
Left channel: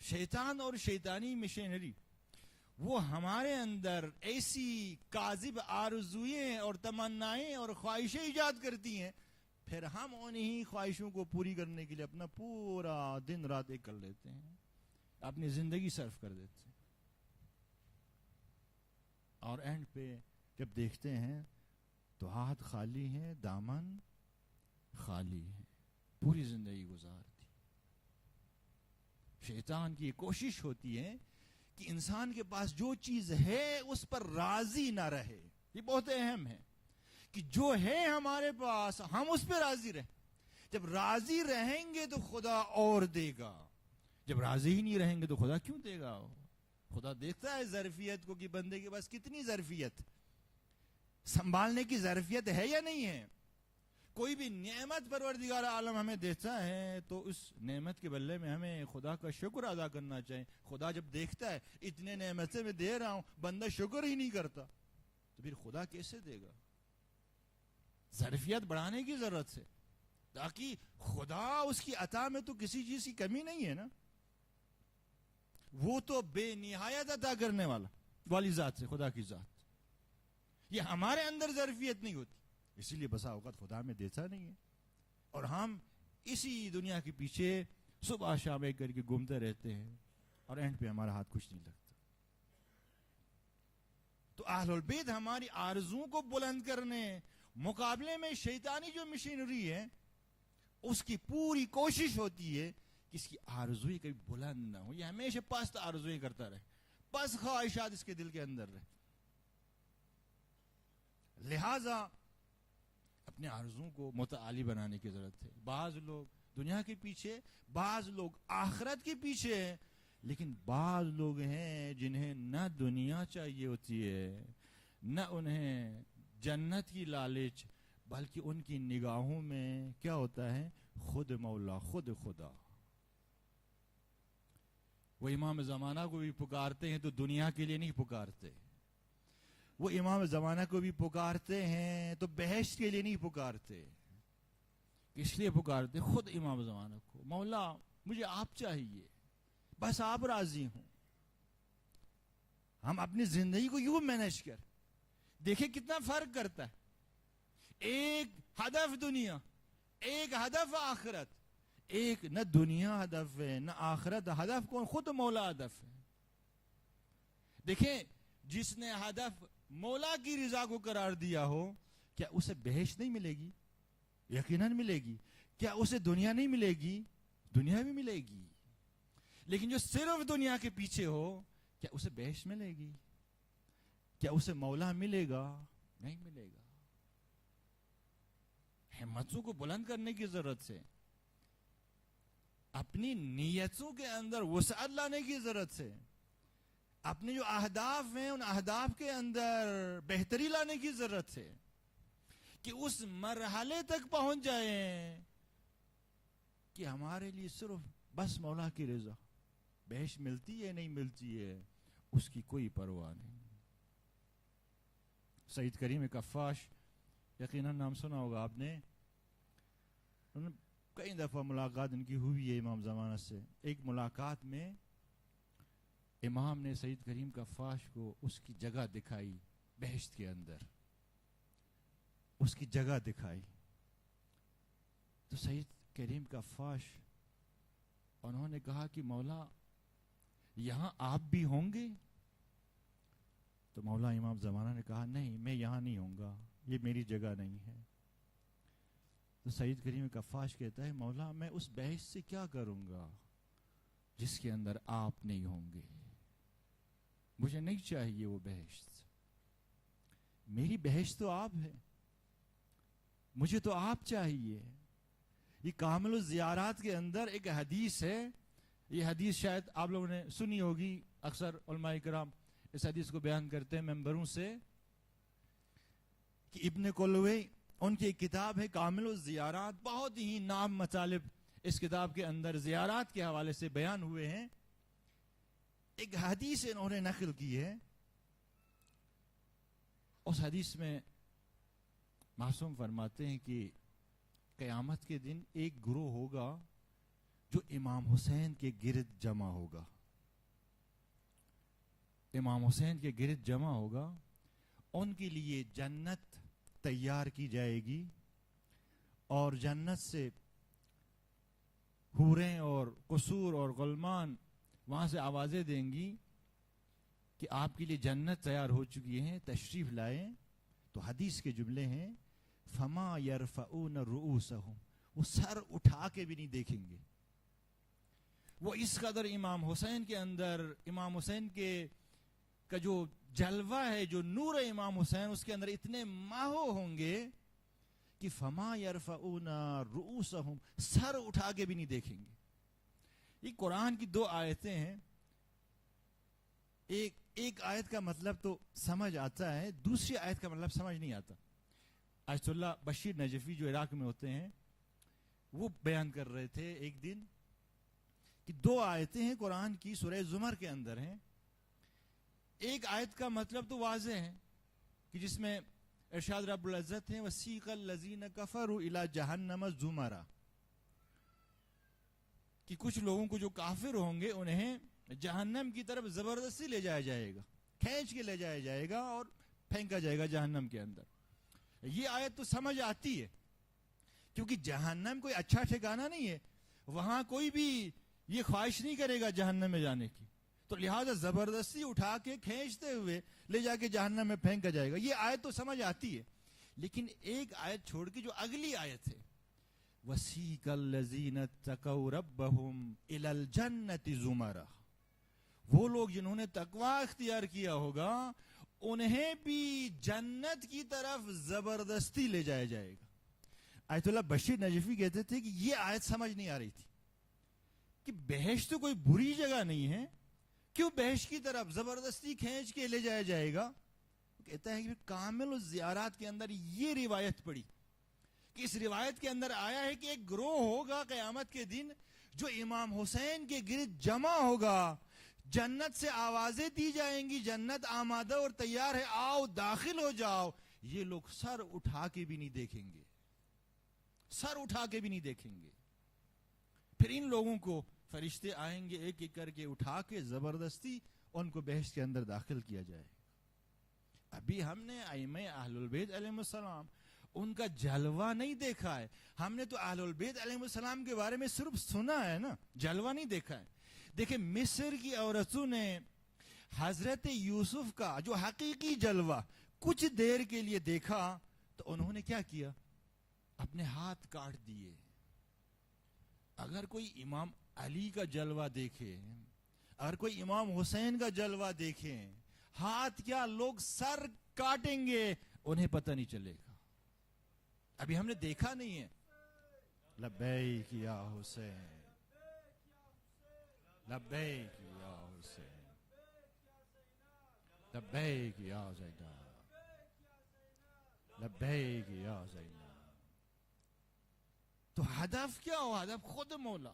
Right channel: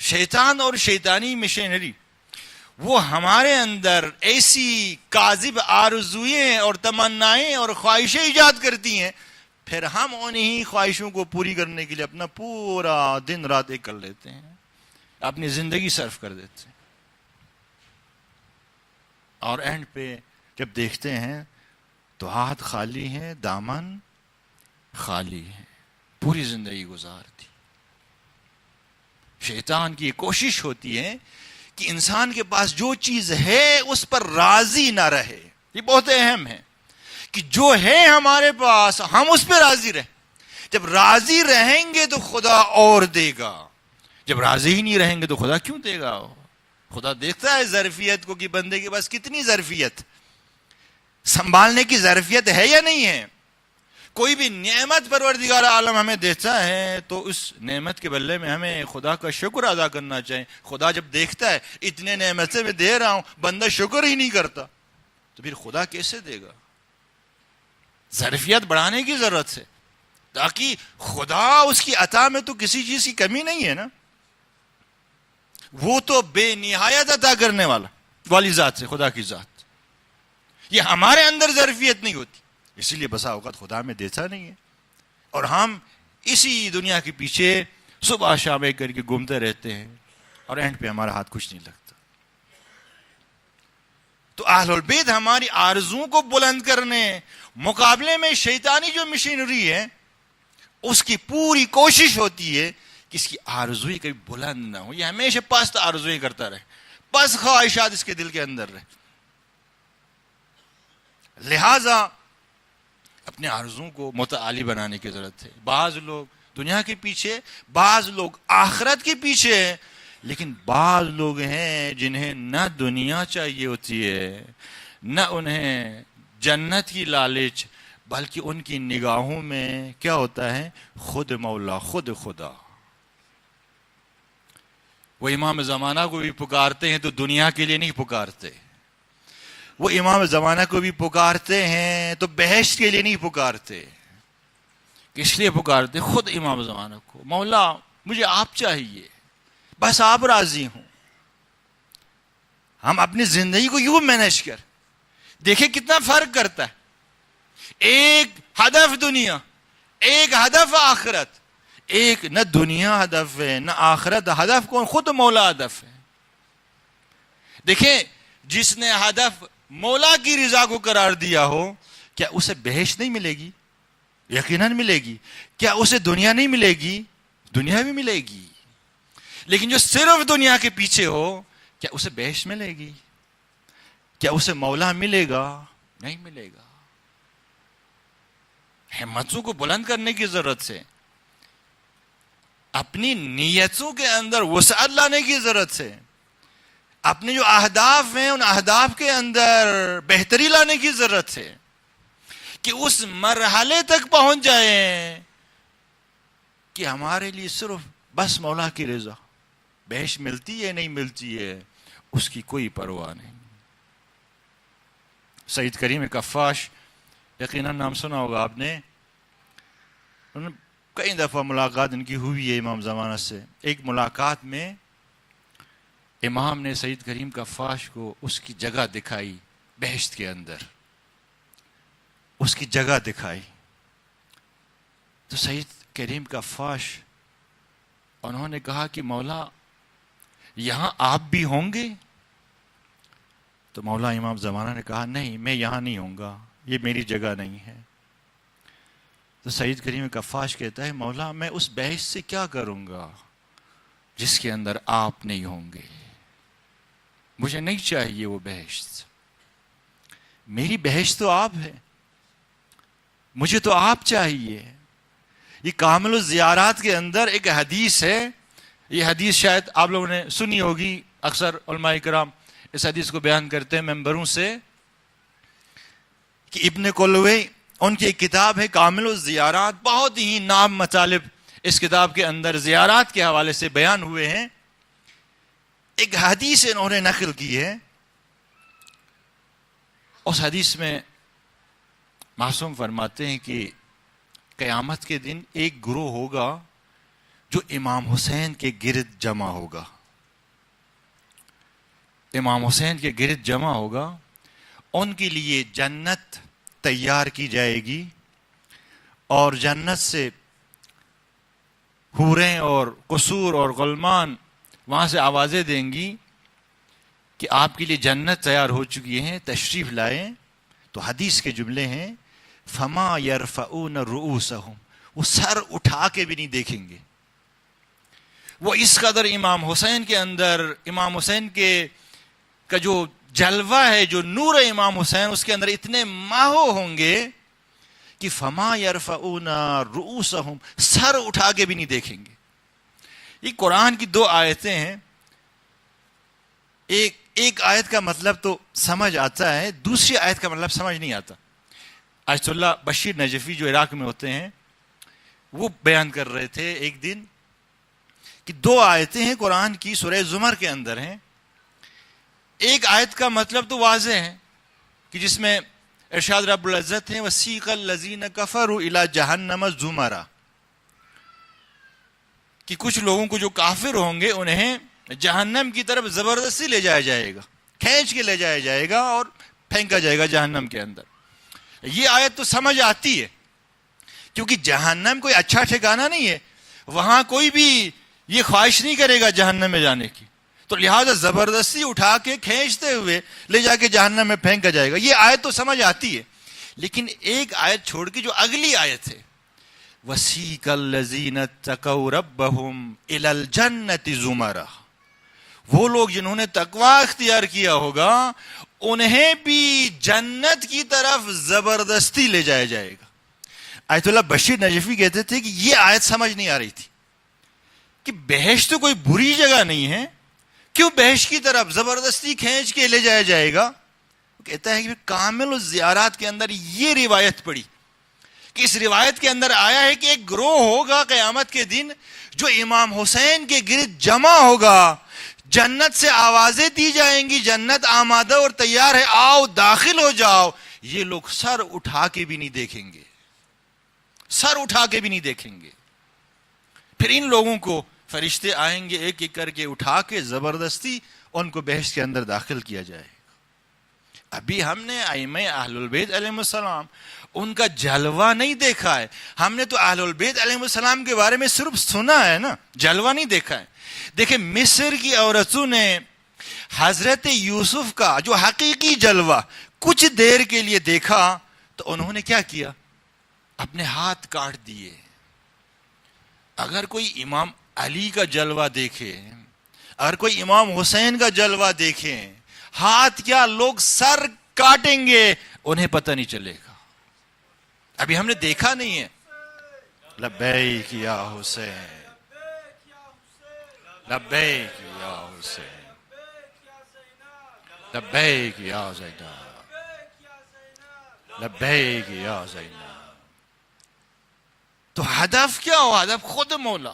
شیطان اور شیطانی مشینری وہ ہمارے اندر ایسی کاذب آرزوئیں اور تمنائیں اور خواہشیں ایجاد کرتی ہیں، پھر ہم انہی خواہشوں کو پوری کرنے کے لیے اپنا پورا دن رات ایک کر لیتے ہیں، اپنی زندگی صرف کر دیتے ہیں. اور اینڈ پہ جب دیکھتے ہیں تو ہاتھ خالی ہیں، دامن خالی ہے، پوری زندگی گزار دی. شیطان کی یہ کوشش ہوتی ہے کہ انسان کے پاس جو چیز ہے اس پر راضی نہ رہے. یہ بہت اہم ہے کہ جو ہے ہمارے پاس ہم اس پہ راضی رہیں. جب راضی رہیں گے تو خدا اور دے گا، جب راضی ہی نہیں رہیں گے تو خدا کیوں دے گا؟ خدا دیکھتا ہے ظرفیت کو کہ بندے کے پاس کتنی ظرفیت، سنبھالنے کی ظرفیت ہے یا نہیں ہے. کوئی بھی نعمت پروردگار عالم ہمیں دیتا ہے تو اس نعمت کے بدلے میں ہمیں خدا کا شکر ادا کرنا چاہیے. خدا جب دیکھتا ہے اتنے نعمتیں میں دے رہا ہوں بندہ شکر ہی نہیں کرتا تو پھر خدا کیسے دے گا؟ ظرفیت بڑھانے کی ضرورت ہے تاکہ خدا اس کی عطا میں تو کسی چیز کی کمی نہیں ہے نا. وہ تو بے نہایت عطا کرنے والی ذات ہے، خدا کی ذات. یہ ہمارے اندر ظرفیت نہیں ہوتی، اسی لیے بسا اوقات خدا میں دیتا نہیں ہے اور ہم اسی دنیا کے پیچھے صبح شام ایک کر کے گھومتے رہتے ہیں اور اینڈ پہ ہمارا ہاتھ کچھ نہیں لگتا. تو اہل البیت ہماری آرزوؤں کو بلند کرنے، مقابلے میں شیطانی جو مشینری ہے اس کی پوری کوشش ہوتی ہے کہ اس کی آرزوئی کبھی بلند نہ ہو، یہ ہمیشہ پست آرزوئی کرتا رہے، پست خواہشات اس کے دل کے اندر رہے. لہذا اپنے آرزوؤں کو متعالی بنانے کی ضرورت ہے. بعض لوگ دنیا کے پیچھے، بعض لوگ آخرت کے پیچھے ہیں، لیکن بعض لوگ ہیں جنہیں نہ دنیا چاہیے ہوتی ہے، نہ انہیں جنت کی لالچ، بلکہ ان کی نگاہوں میں کیا ہوتا ہے؟ خود مولا، خود خدا. وہ امام زمانہ کو بھی پکارتے ہیں تو دنیا کے لیے نہیں پکارتے، وہ امام زمانہ کو بھی پکارتے ہیں تو بہشت کے لیے نہیں پکارتے. کس لیے پکارتے؟ خود امام زمانہ کو. مولا مجھے آپ چاہیے، بس آپ راضی ہوں. ہم اپنی زندگی کو یوں مینج کر دیکھیں کتنا فرق کرتا ہے. ایک ہدف دنیا، ایک ہدف آخرت. ایک نہ دنیا ہدف ہے نہ آخرت ہدف. کون؟ خود مولا ہدف ہے. دیکھیں جس نے ہدف مولا کی رضا کو قرار دیا ہو، کیا اسے بہشت نہیں ملے گی؟ یقیناً ملے گی. کیا اسے دنیا نہیں ملے گی؟ دنیا بھی ملے گی. لیکن جو صرف دنیا کے پیچھے ہو، کیا اسے بہشت ملے گی؟ کیا اسے مولا ملے گا؟ نہیں ملے گا. ہمتوں کو بلند کرنے کی ضرورت ہے، اپنی نیتوں کے اندر وسعت لانے کی ضرورت ہے، اپنے جو اہداف ہیں ان اہداف کے اندر بہتری لانے کی ضرورت ہے کہ اس مرحلے تک پہنچ جائیں کہ ہمارے لیے صرف بس مولا کی رضا. بہشت ملتی ہے نہیں ملتی ہے اس کی کوئی پرواہ نہیں. سید کریم کفاش، یقیناً نام سنا ہوگا آپ نے، کئی دفعہ ملاقات ان کی ہوئی ہے امام زمانہ سے. ایک ملاقات میں امام نے سید کریم کفاش کو اس کی جگہ دکھائی بہشت کے اندر، اس کی جگہ دکھائی. تو سید کریم کفاش انہوں نے کہا کہ مولا یہاں آپ بھی ہوں گے؟ تو مولا امام زمانہ نے کہا نہیں، میں یہاں نہیں ہوں گا، یہ میری جگہ نہیں ہے. تو سید کریم کفاش کہتا ہے مولا میں اس بہشت سے کیا کروں گا جس کے اندر آپ نہیں ہوں گے؟ مجھے نہیں چاہیے وہ بہشت، میری بہشت تو آپ ہے، مجھے تو آپ چاہیے. یہ کامل الزیارات کے اندر ایک حدیث ہے، یہ حدیث شاید آپ لوگوں نے سنی ہوگی. اکثر علماء کرام اس حدیث کو بیان کرتے ہیں ممبروں سے کہ ابن کلوی ان کی ایک کتاب ہے کامل الزیارات، بہت ہی نام مطالب اس کتاب کے اندر زیارات کے حوالے سے بیان ہوئے ہیں. ایک حدیث انہوں نے نقل کی ہے. اس حدیث میں معصوم فرماتے ہیں کہ قیامت کے دن ایک گروہ ہوگا جو امام حسین کے گرد جمع ہوگا. امام حسین کے گرد جمع ہوگا، ان کے لیے جنت تیار کی جائے گی اور جنت سے حوریں اور قصور اور غلمان وہاں سے آوازیں دیں گی کہ آپ کے لیے جنت تیار ہو چکی ہیں، تشریف لائیں. تو حدیث کے جملے ہیں فما یرفعون رؤوسہم، وہ سر اٹھا کے بھی نہیں دیکھیں گے. وہ اس قدر امام حسین کے اندر، امام حسین کا جو جلوہ ہے، جو نور امام حسین اس کے اندر اتنے ماہو ہوں گے کہ فما یرفعون رؤوسہم، سر اٹھا کے بھی نہیں دیکھیں گے. یہ قرآن کی دو آیتیں ہیں. ایک آیت کا مطلب تو سمجھ آتا ہے، دوسری آیت کا مطلب سمجھ نہیں آتا. آیت اللہ بشیر نجفی جو عراق میں ہوتے ہیں وہ بیان کر رہے تھے ایک دن کہ دو آیتیں ہیں قرآن کی سورہ زمر کے اندر ہیں. ایک آیت کا مطلب تو واضح ہے کہ جس میں ارشاد رب العزت ہیں وَسِيقَ الَّذِينَ كَفَرُوا إِلَى جَهَنَّمَ زُمَرًا، کہ کچھ لوگوں کو جو کافر ہوں گے انہیں جہنم کی طرف زبردستی لے جایا جائے گا، کھینچ کے لے جایا جائے گا اور پھینکا جائے گا جہنم کے اندر. یہ آیت تو سمجھ آتی ہے کیونکہ جہنم کوئی اچھا ٹھکانہ نہیں ہے، وہاں کوئی بھی یہ خواہش نہیں کرے گا جہنم میں جانے کی، تو لہذا زبردستی اٹھا کے کھینچتے ہوئے لے جا کے جہنم میں پھینکا جائے گا. یہ آیت تو سمجھ آتی ہے. لیکن ایک آیت چھوڑ کے جو اگلی آیت ہے وَسِيقَ الَّذِينَ اتَّقَوْا رَبَّهُمْ إِلَى الْجَنَّةِ زُمَرًا، وہ لوگ جنہوں نے تقوی اختیار کیا ہوگا انہیں بھی جنت کی طرف زبردستی لے جایا جائے گا. آیت اللہ بشیر نجفی کہتے تھے کہ یہ آیت سمجھ نہیں آ رہی تھی کہ بہشت تو کوئی بری جگہ نہیں ہے، کیوں بہشت کی طرف زبردستی کھینچ کے لے جایا جائے گا. وہ کہتا ہے کہ کامل الزیارات کے اندر یہ روایت پڑی کہ اس روایت کے اندر آیا ہے کہ ایک گروہ ہوگا قیامت کے دن جو امام حسین کے گرد جمع ہوگا، جنت سے آوازیں دی جائیں گی، جنت آمادہ اور تیار ہے، آؤ داخل ہو جاؤ. یہ لوگ سر اٹھا کے بھی نہیں دیکھیں گے، سر اٹھا کے بھی نہیں دیکھیں گے. پھر ان لوگوں کو فرشتے آئیں گے ایک ایک کر کے اٹھا کے زبردستی ان کو بہشت کے اندر داخل کیا جائے گا. ابھی ہم نے ائمہ اہل البیت علیہ السلام ان کا جلوہ نہیں دیکھا ہے. ہم نے تو اہل البیت علیہ السلام کے بارے میں صرف سنا ہے نا، جلوہ نہیں دیکھا ہے. دیکھیں مصر کی عورتوں نے حضرت یوسف کا جو حقیقی جلوہ کچھ دیر کے لیے دیکھا تو انہوں نے کیا کیا؟ اپنے ہاتھ کاٹ دیے. اگر کوئی امام علی کا جلوہ دیکھے، اگر کوئی امام حسین کا جلوہ دیکھے، ہاتھ کیا لوگ سر کاٹیں گے، انہیں پتہ نہیں چلے گا. ابھی ہم نے دیکھا نہیں ہے. لبیک یا حسین، لبیک یا حسین، لبیک یا زینب، لبیک یا زینب. تو ہدف کیا ہو؟ ہدف خود مولا.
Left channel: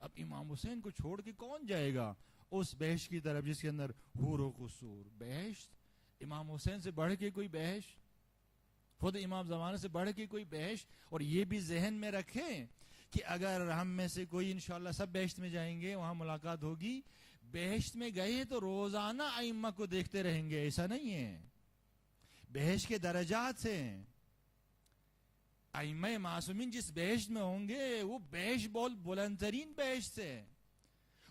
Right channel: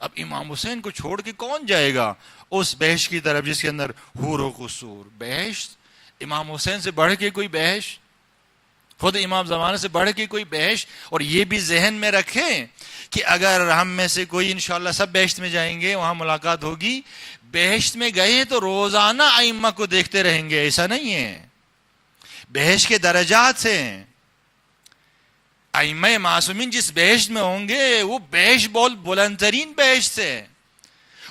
اب امام حسین کو چھوڑ کے کون جائے گا اس بہشت کی طرف جس کے اندر حور و قصور؟ بہشت امام حسین سے بڑھ کے کوئی بہشت، خود امام زمانہ سے بڑھ کے کوئی بہشت. اور یہ بھی ذہن میں رکھیں کہ اگر ہم میں سے کوئی انشاءاللہ سب بہشت میں جائیں گے، وہاں ملاقات ہوگی، بہشت میں گئے ہیں تو روزانہ ائمہ کو دیکھتے رہیں گے، ایسا نہیں ہے. بہشت کے درجات ہیں. ائمہ معصومین جس بہشت میں ہوں گے وہ بہشت بہت بلند ترین بہشت ہے.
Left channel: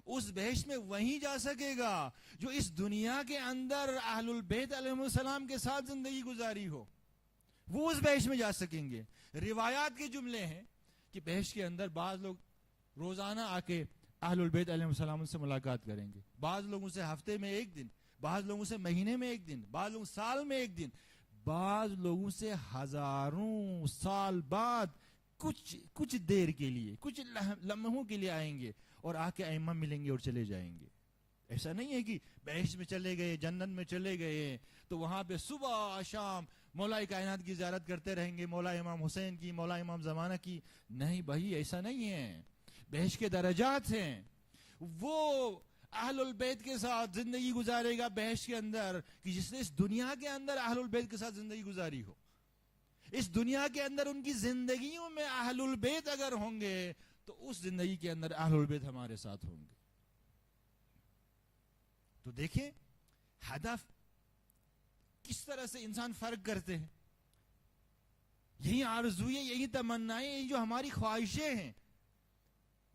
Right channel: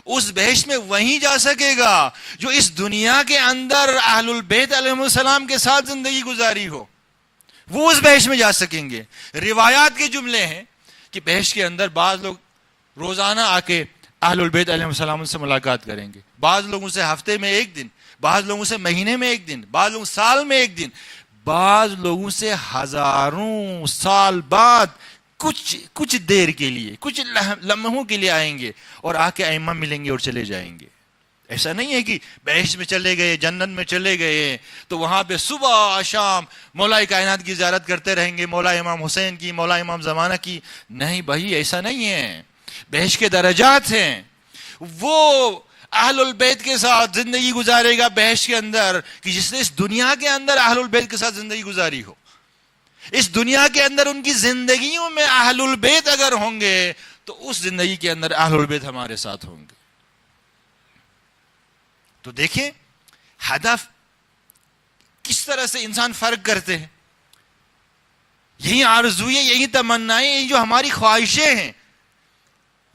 اس بہشت میں وہیں جا سکے گا جو اس دنیا کے اندر اہل البیت علیہ السلام کے ساتھ زندگی گزاری ہو، وہ اس بہشت میں جا سکیں گے. روایات کے جملے ہیں کہ بہشت کے اندر بعض لوگ روزانہ آ کے اہل البیت علیہ السلام سے ملاقات کریں گے، بعض لوگوں سے ہفتے میں ایک دن، بعض لوگوں سے مہینے میں ایک دن، بعض لوگوں سال میں ایک دن، بعض لوگوں سے ہزاروں سال بعد کچھ دیر کے لیے، کچھ لمحوں کے لیے آئیں گے اور آ کے ائمہ ملیں گے اور چلے جائیں گے. ایسا نہیں ہے کہ بہشت میں چلے گئے، جنت میں چلے گئے تو وہاں پہ صبح شام مولا کائنات کی زیارت کرتے رہیں گے، مولا امام حسین کی، مولا امام زمانہ کی. نہیں بھائی، ایسا نہیں ہے. بہشت کے درجات ہیں. وہ اہل البیت کے ساتھ زندگی گزارے گا بہشت کے اندر کہ جس نے اس دنیا کے اندر اہل البیت کے ساتھ زندگی گزاری ہو. اس دنیا کے اندر ان کی زندگیوں میں اہل البیت اگر ہوں گے تو اس زندگی کے اندر اہل البیت ہمارے ساتھ ہوں گے. تو دیکھیں ہدف کس طرح سے انسان فرق کرتے ہیں. یہی آرزوئیں، یہی تمنائیں، یہی جو ہماری خواہشیں ہیں،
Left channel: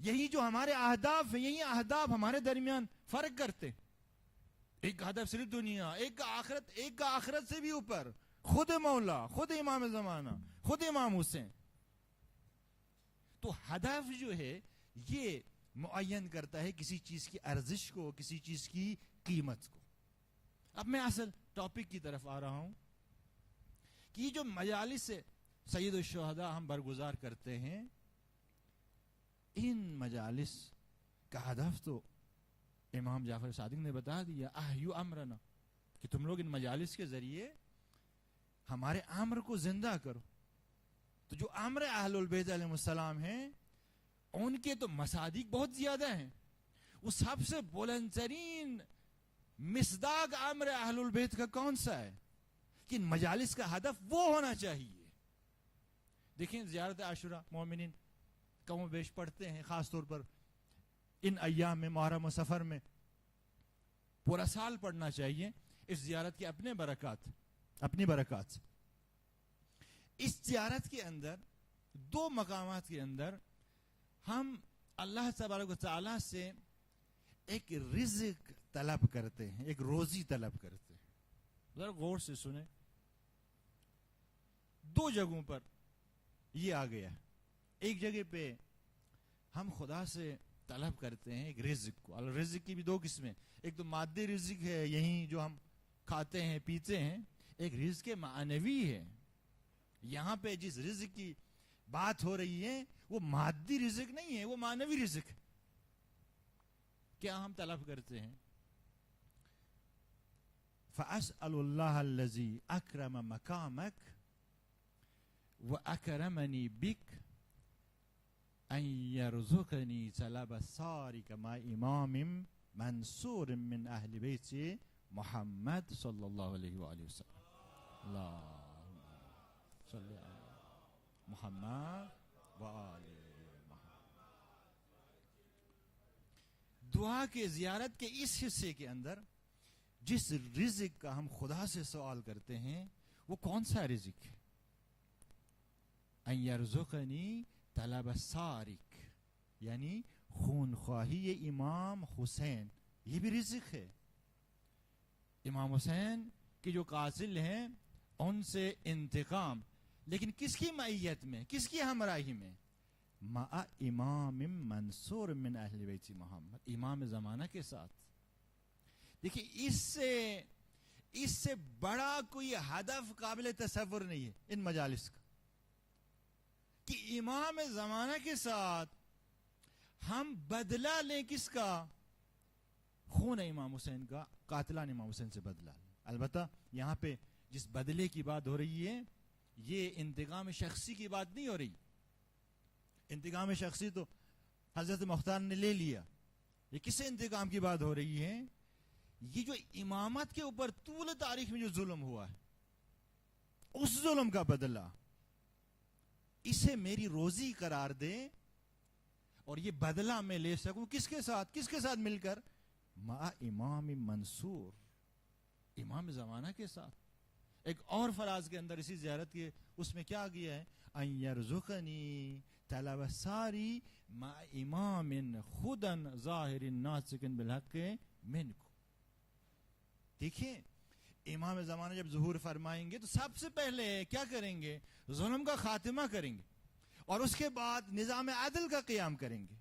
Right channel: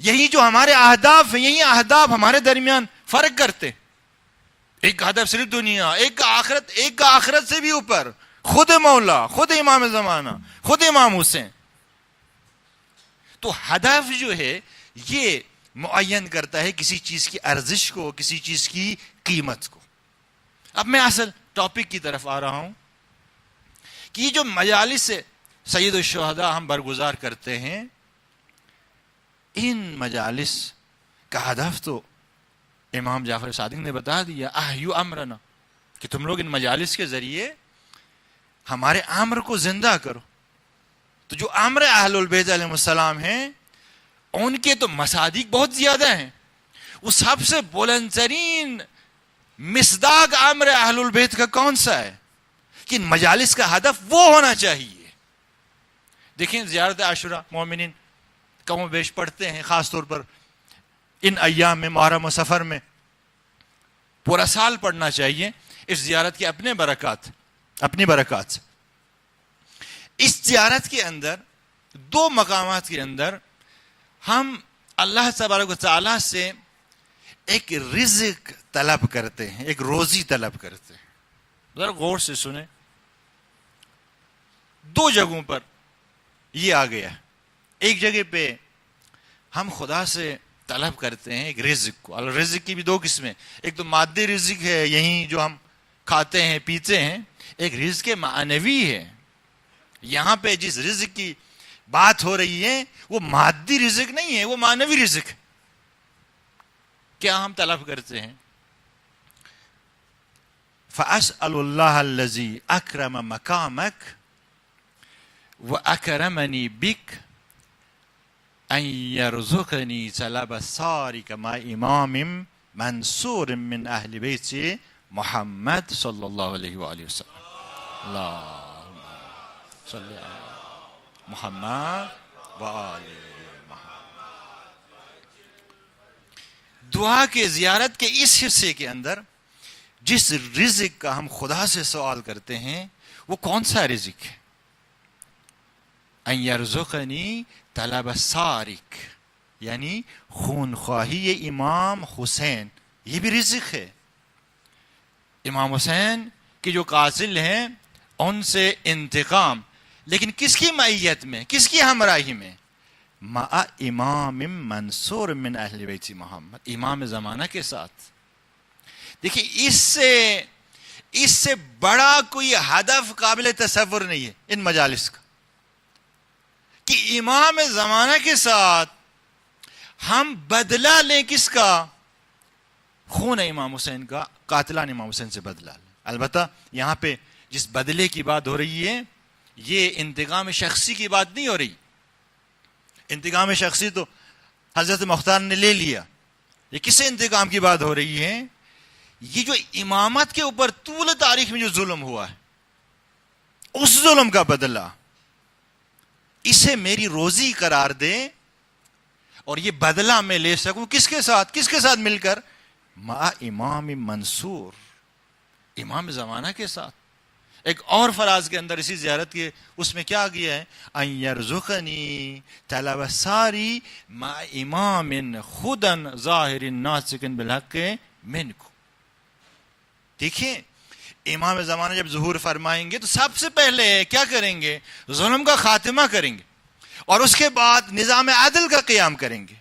یہی جو ہمارے اہداف ہیں، یہی اہداف ہمارے درمیان فرق کرتے. ایک ہدف صرف دنیا، ایک کا آخرت، ایک کا آخرت سے بھی اوپر خود مولا، خود امام زمانہ، خود امام حسین. تو ہدف جو ہے یہ معین کرتا ہے کسی چیز کی ارزش کو، کسی چیز کی قیمت کو. اب میں اصل ٹاپک کی طرف آ رہا ہوں کہ یہ جو مجالس سید الشہداء ہم برگزار کرتے ہیں، ان مجالس کا ہدف تو امام جعفر صادق نے بتا دیا، احیو امرنا، کہ تم لوگ ان مجالس کے ذریعے ہمارے امر کو زندہ کرو. تو جو امر اہل البیت علیہ السلام ہیں ان کے تو مصادیق بہت زیادہ ہیں. وہ سب سے بلند ترین مصداق امر اہل البیت کا کون سا ہے کہ ان مجالس کا ہدف وہ ہونا چاہیے. دیکھیں زیارت عاشوراء مومنین کم و بیش پڑھتے ہیں، خاص طور پر ان ایام میں، محرم و سفر میں پورا سال پڑھنا چاہیے. اس زیارت کے اپنے برکات، اپنی برکات سے. اس زیارت کے اندر دو مقامات کے اندر ہم اللہ تبارک و تعالیٰ سے ایک رزق طلب کرتے ہیں، ایک روزی طلب کرتے ہیں. ذرا غور سے سنیں. دو جگہوں پر یہ آ گیا. ایک جگہ پہ ہم خدا سے طلب کرتے ہیں ایک رزق کو. اور رزق کی بھی دو قسمیں, ایک تو مادی رزق ہے یہیں جو ہم کھاتے ہیں پیتے ہیں, ایک رزق معنوی ہے. یہاں پہ جس رزق کی بات ہو رہی ہے وہ مادی رزق نہیں ہے, وہ معنوی رزق. کیا ہم طلب کرتے ہیں؟ فَأَسْأَلُ اللَّهَ الَّذِي أَكْرَمَ مَقَامَكَ وَأَكْرَمَنِي بِكَ أَن يَرْزُقَنِي طَلَبَ ثَارِكَ مع إِمَامٍ منصور من أهل بيت محمد صلى الله عليه وآله وسلم. اللهم صل على محمد وآل محمد. دعا کے زیارت کے اس حصے کے اندر جس رزق کا ہم خدا سے سوال کرتے ہیں وہ کون سا رزق ہے؟ ان یرزقنی طلب سارک, یعنی خون خواہی امام حسین, یہ بھی رزق ہے. امام حسین کے جو قاتل ہیں ان سے انتقام, لیکن کس کی معیت میں, کس کی ہمراہی میں؟ مع امام منصور من اہل بیت محمد, امام زمانہ کے ساتھ. دیکھیے اس سے بڑا کوئی ہدف قابل تصور نہیں ہے ان مجالس کا, کہ امام زمانہ کے ساتھ ہم بدلہ لیں. کس کا؟ خون امام حسین کا, قاتلان امام حسین سے بدلہ لیں. البتہ یہاں پہ جس بدلے کی بات ہو رہی ہے یہ انتقام شخصی کی بات نہیں ہو رہی. انتقام شخصی تو حضرت مختار نے لے لیا. یہ کس انتقام کی بات ہو رہی ہے؟ یہ جو امامت کے اوپر طول تاریخ میں جو ظلم ہوا ہے اس ظلم کا بدلہ, اسے میری روزی قرار دے اور یہ بدلہ میں لے سکوں. کس کے ساتھ؟ کس کے ساتھ مل کر؟ مع امام منصور, امام زمانہ کے ساتھ. ایک اور فراز کے اندر اسی زیارت کے اس میں کیا گیا ہے؟ ان یرزقنی طلب ساری مع امام خدا ظاہر ناطق بالحق منکم. دیکھیں امام زمانہ جب ظہور فرمائیں گے تو سب سے پہلے کیا کریں گے؟ ظلم کا خاتمہ کریں گے اور اس کے بعد نظام عدل کا قیام کریں گے.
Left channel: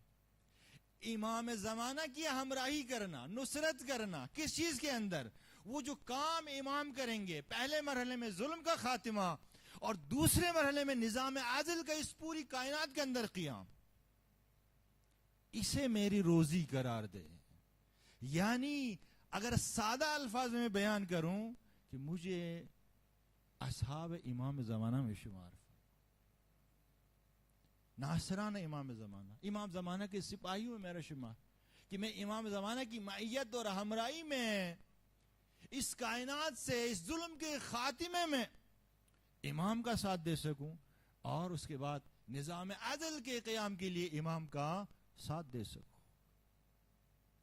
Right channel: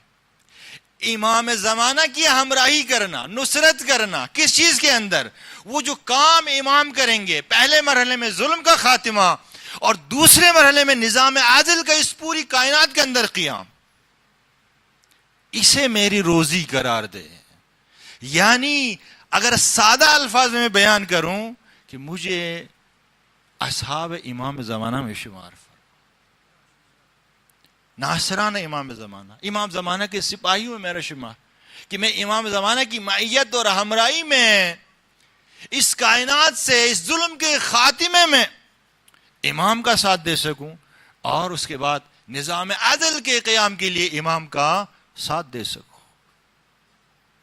امام زمانہ کی ہمراہی کرنا, نصرت کرنا, کس چیز کے اندر؟ وہ جو کام امام کریں گے, پہلے مرحلے میں ظلم کا خاتمہ اور دوسرے مرحلے میں نظام عدل کا اس پوری کائنات کے اندر قیام, اسے میری روزی قرار دے. یعنی اگر سادہ الفاظ میں بیان کروں کہ مجھے اصحاب امام زمانہ میں شمار, ناصران امام زمانہ, امام زمانہ کے سپاہیوں میں میرا شمار, کہ میں امام زمانہ کی معیت اور ہمراہی میں اس کائنات سے اس ظلم کے خاتمے میں امام کا ساتھ دے سکوں اور اس کے بعد نظام عدل کے قیام کے لیے امام کا ساتھ دے سکوں.